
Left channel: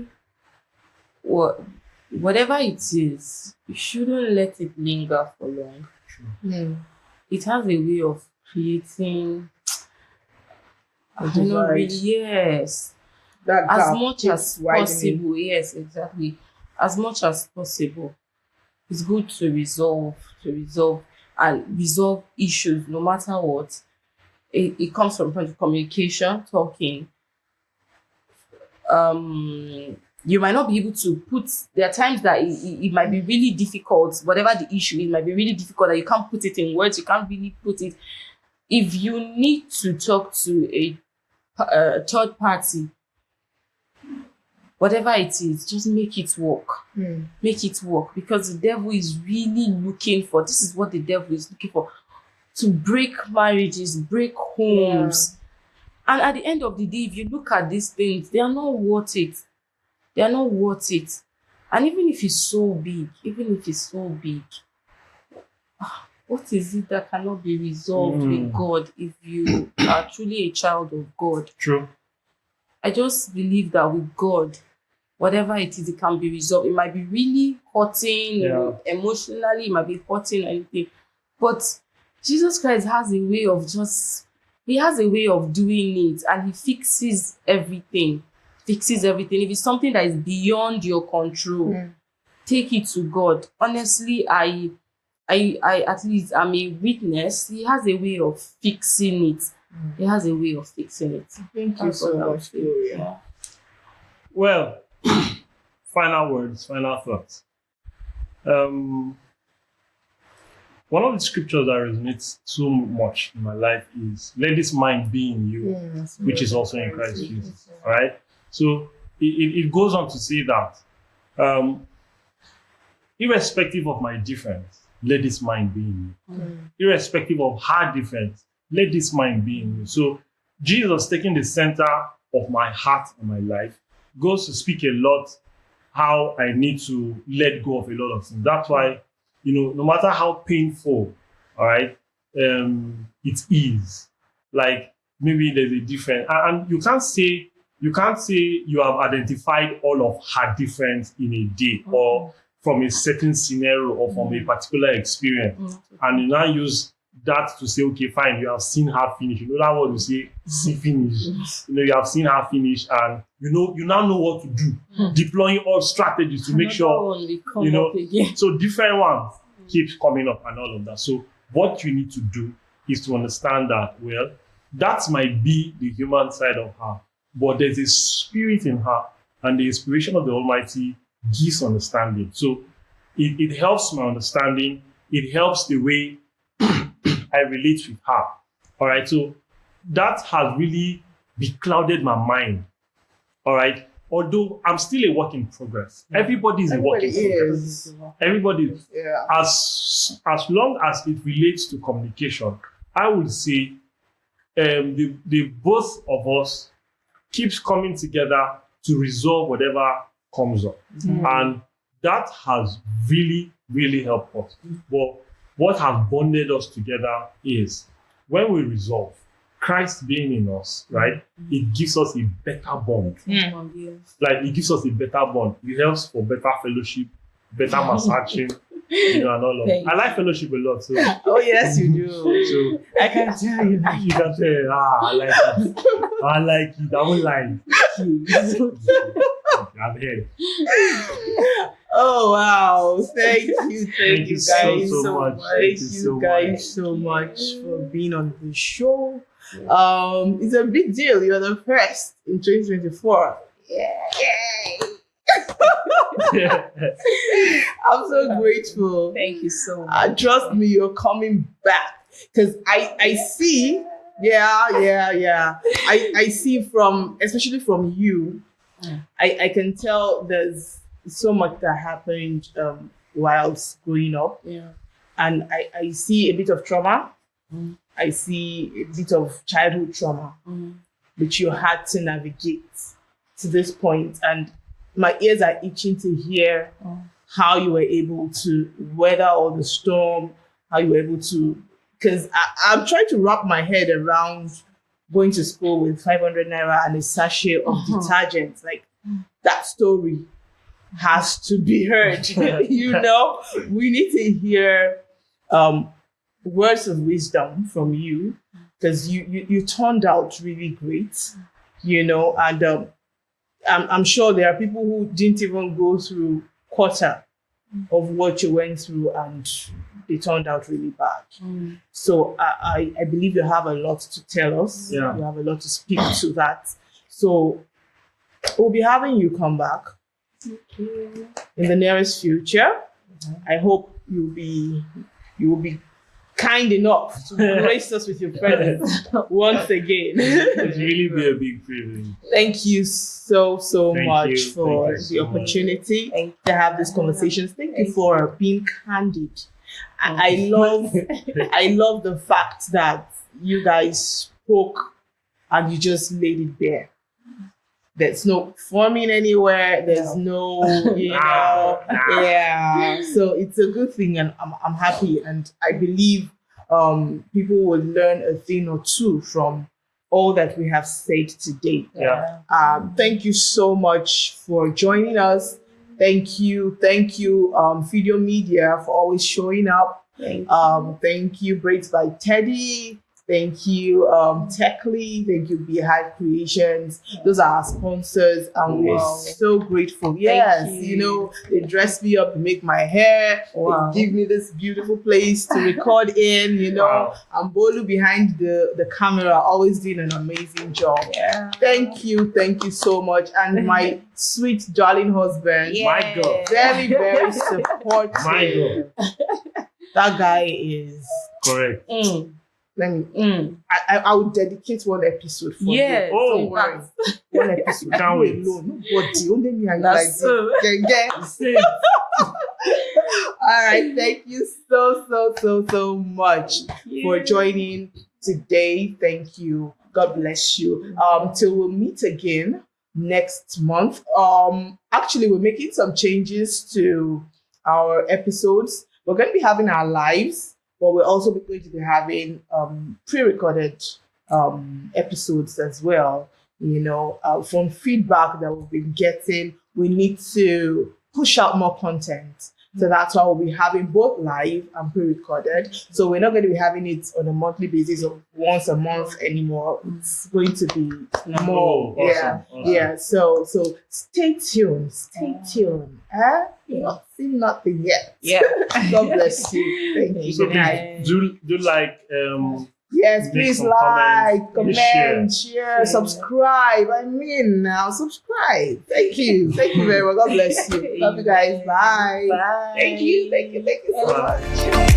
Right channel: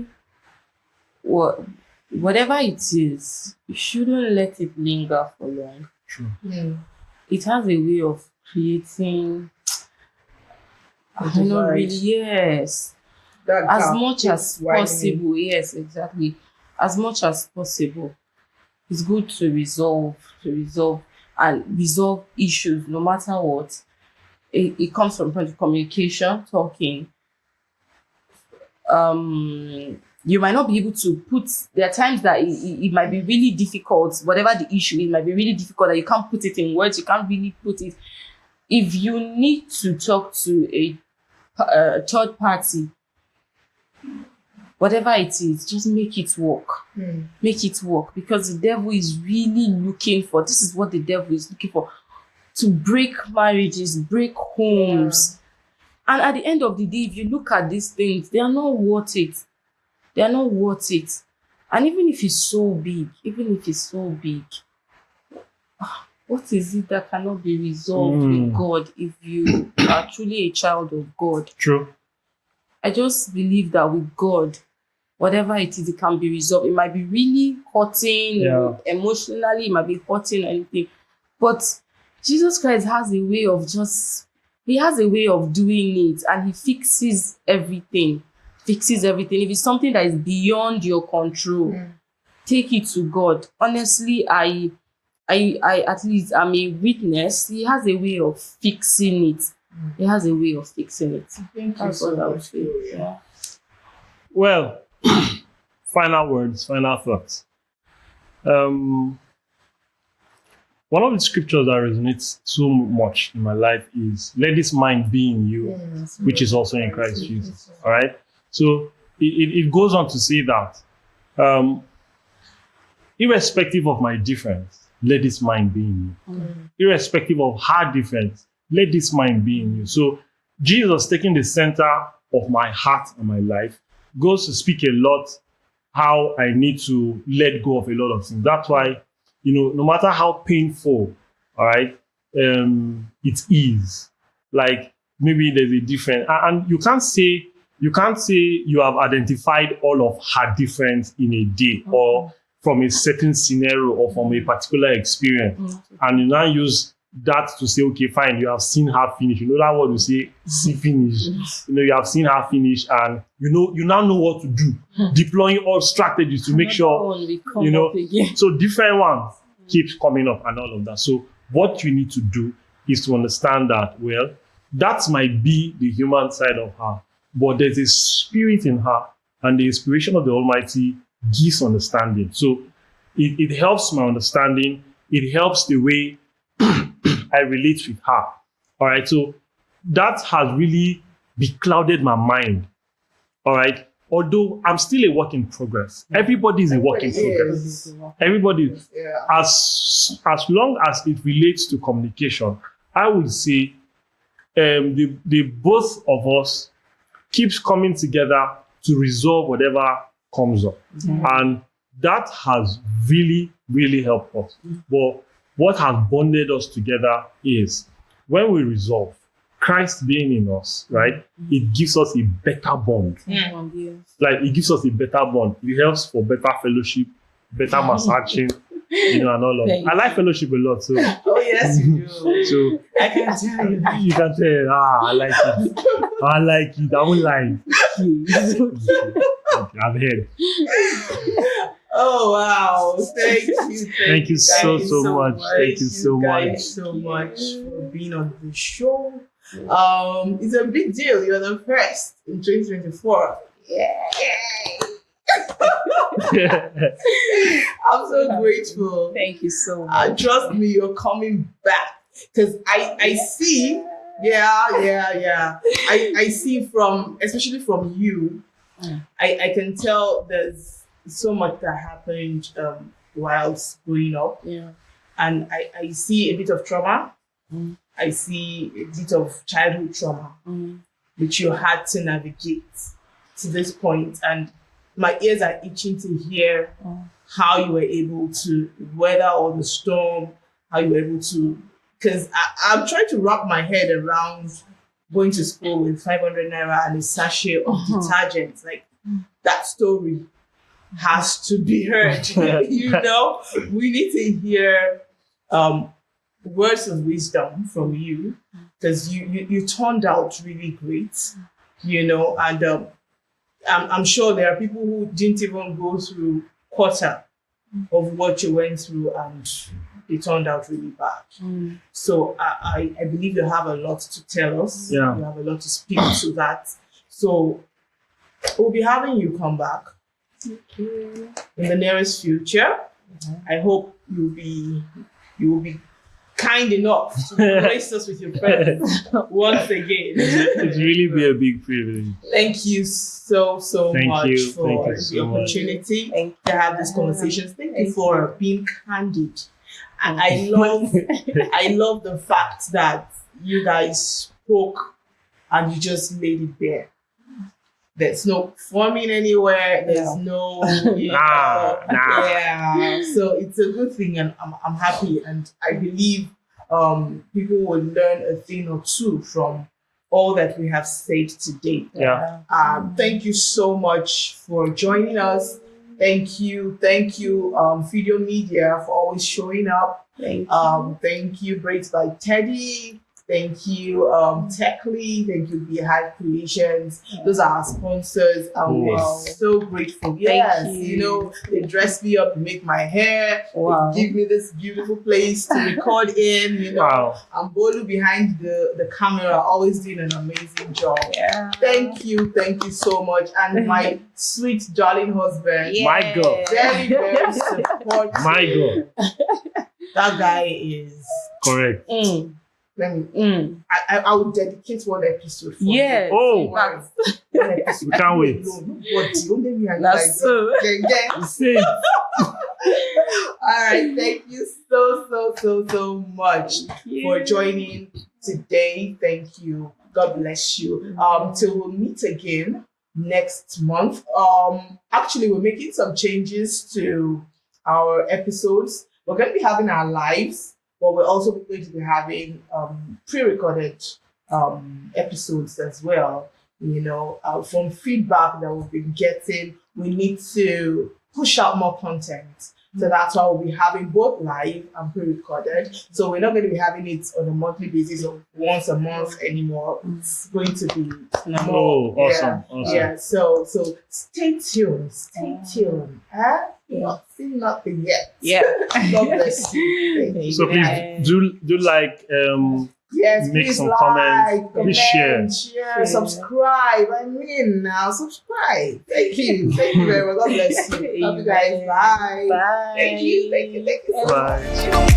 whatever it is, you shouldn't let it linger for long. True. It has a way of creating, I A don't know, divide. really, yes, That as gap much keeps as widening. possible. Yes, exactly. As much as possible, it's good to resolve and resolve issues no matter what. It comes from communication, talking. You might not be able to put, there are times that it might be really difficult, whatever the issue, it might be really difficult that you can't put it in words, you can't really put it. If you need to talk to a third party, whatever it is, just make it work. Make it work, because the devil is really looking for, this is what the devil is looking for, to break marriages, break homes. And at the end of the day, if you look at these things, they are not worth it. They are not worth it. And even if it's so big, what is it that cannot be resolved with God if you are truly a child of God? True. I just believe that with God, whatever it is, it can be resolved. It might be really hurting, emotionally, it might be hurting or anything. But Jesus Christ has a way of doing it, and he fixes everything. If it's something that is beyond your control, take it to God. Honestly, I at least I'm a witness. He has a way of fixing it. Thank you That's so what I would much, say. Gloria. Well, final words, final thoughts. One of the scriptures that resonates so much in my life is, let this mind be in you, which is also in Christ Jesus. All right. So it goes on to say that, irrespective of my difference, let this mind be in you. Irrespective of her difference, let this mind be in you. So Jesus, taking the center of my heart and my life, goes to speak a lot how I need to let go of a lot of things. That's why, no matter how painful, all right, it is, like maybe there's a difference, and you can't say you have identified all of her difference in a day, or from a certain scenario, or from a particular experience, and you now use that to say, okay, fine, you have seen her finish. That word we say, see finish. You have seen her finish, and you now know what to do, deploying all strategies to make sure, so different ones keeps coming up and all of that. So what you need to do is to understand that, well, that might be the human side of her, but there's a spirit in her, and the inspiration of the Almighty gives understanding. So it helps my understanding. It helps the way I relate with her. All right. So that has really beclouded my mind. All right. Although I'm still a work in progress. Everybody is a work in progress. Everybody, as long as it relates to communication, I would say the both of us keeps coming together to resolve whatever comes up. And that has really, really helped us. But what has bonded us together is when we resolve, Christ being in us, right? It gives us a better bond. Like, it gives us a better bond. It helps for better fellowship, better massaging, and all of that. I like fellowship a lot. So Oh, yes, you do. so I can tell you. you can tell, I like it. I like it. I won't lie. Okay, I've heard. Oh, wow. Thank you. Thank you guys so much. Thank you so guys much. so much for being on the show. It's a big deal. You're the first in 2024. Yay! I'm so grateful. Thank you so much. Trust me, you're coming back, because I see. I see especially from you. I can tell there's so much that happened whilst growing up. And I see a bit of trauma. I see a bit of childhood trauma, which you had to navigate to this point. And my ears are itching to hear how you were able to weather all the storm, how you were able to, because I'm trying to wrap my head around going to school with 500 naira and a sachet of detergent, like that story. has to be heard. You know, we need to hear words of wisdom from you, because you turned out really great, you know, and I'm sure there are people who didn't even go through quarter of what you went through and they turned out really bad. So I believe you have a lot to tell us. Yeah. You have a lot to speak to that. So we'll be having you come back in the nearest future. I hope you will be kind enough to grace us with your presence once again. It's really be a big privilege. Thank you so Thank much you. for Thank you the so much. opportunity to have this conversation. Thank you Thank for being candid. And I love the fact that you guys spoke and you just laid it bare. There's no forming anywhere. There's no, Nah. yeah. So it's a good thing, and I'm happy, and I believe people will learn a thing or two from all that we have said today. Yeah. Thank you so much for joining us. Thank you, Video Media, for always showing up. Thank you, Braids by Teddy. Thank you, Techly. Thank you, Beehive Creations. Those are our sponsors, and we're so grateful. Yes, you know, they dress me up, make my hair, they give me this beautiful place to record in. You know, and Bolu behind the camera, always doing an amazing job. Yeah. Thank you so much, and my sweet darling husband, My God. very supportive. My God. That guy is. Correct. Let me. I would dedicate one episode for Yes. him. Oh. Don't worry. One episode. Can't wait. Nobody. Only me and you That's so. Gang. Same. All right. Thank you so much for joining today. Thank you. God bless you. Till we'll meet again next month. Actually, we're making some changes to our episodes. We're going to be having our lives, but we're also going to be having pre-recorded episodes as well. You know, from feedback that we've been getting, we need to push out more content. So that's why we'll be having both live and pre-recorded. So we're not going to be having it on a monthly basis or once a month anymore. It's going to be more. Awesome. Yeah. So stay tuned. Nothing yet. Yeah. God bless you. Thank you. So please do like Yes, make please some like, comments, comment, please share, subscribe. I mean, now subscribe. Thank you very much. God bless you. Love you guys. Bye. Bye. Thank you so Bye. much.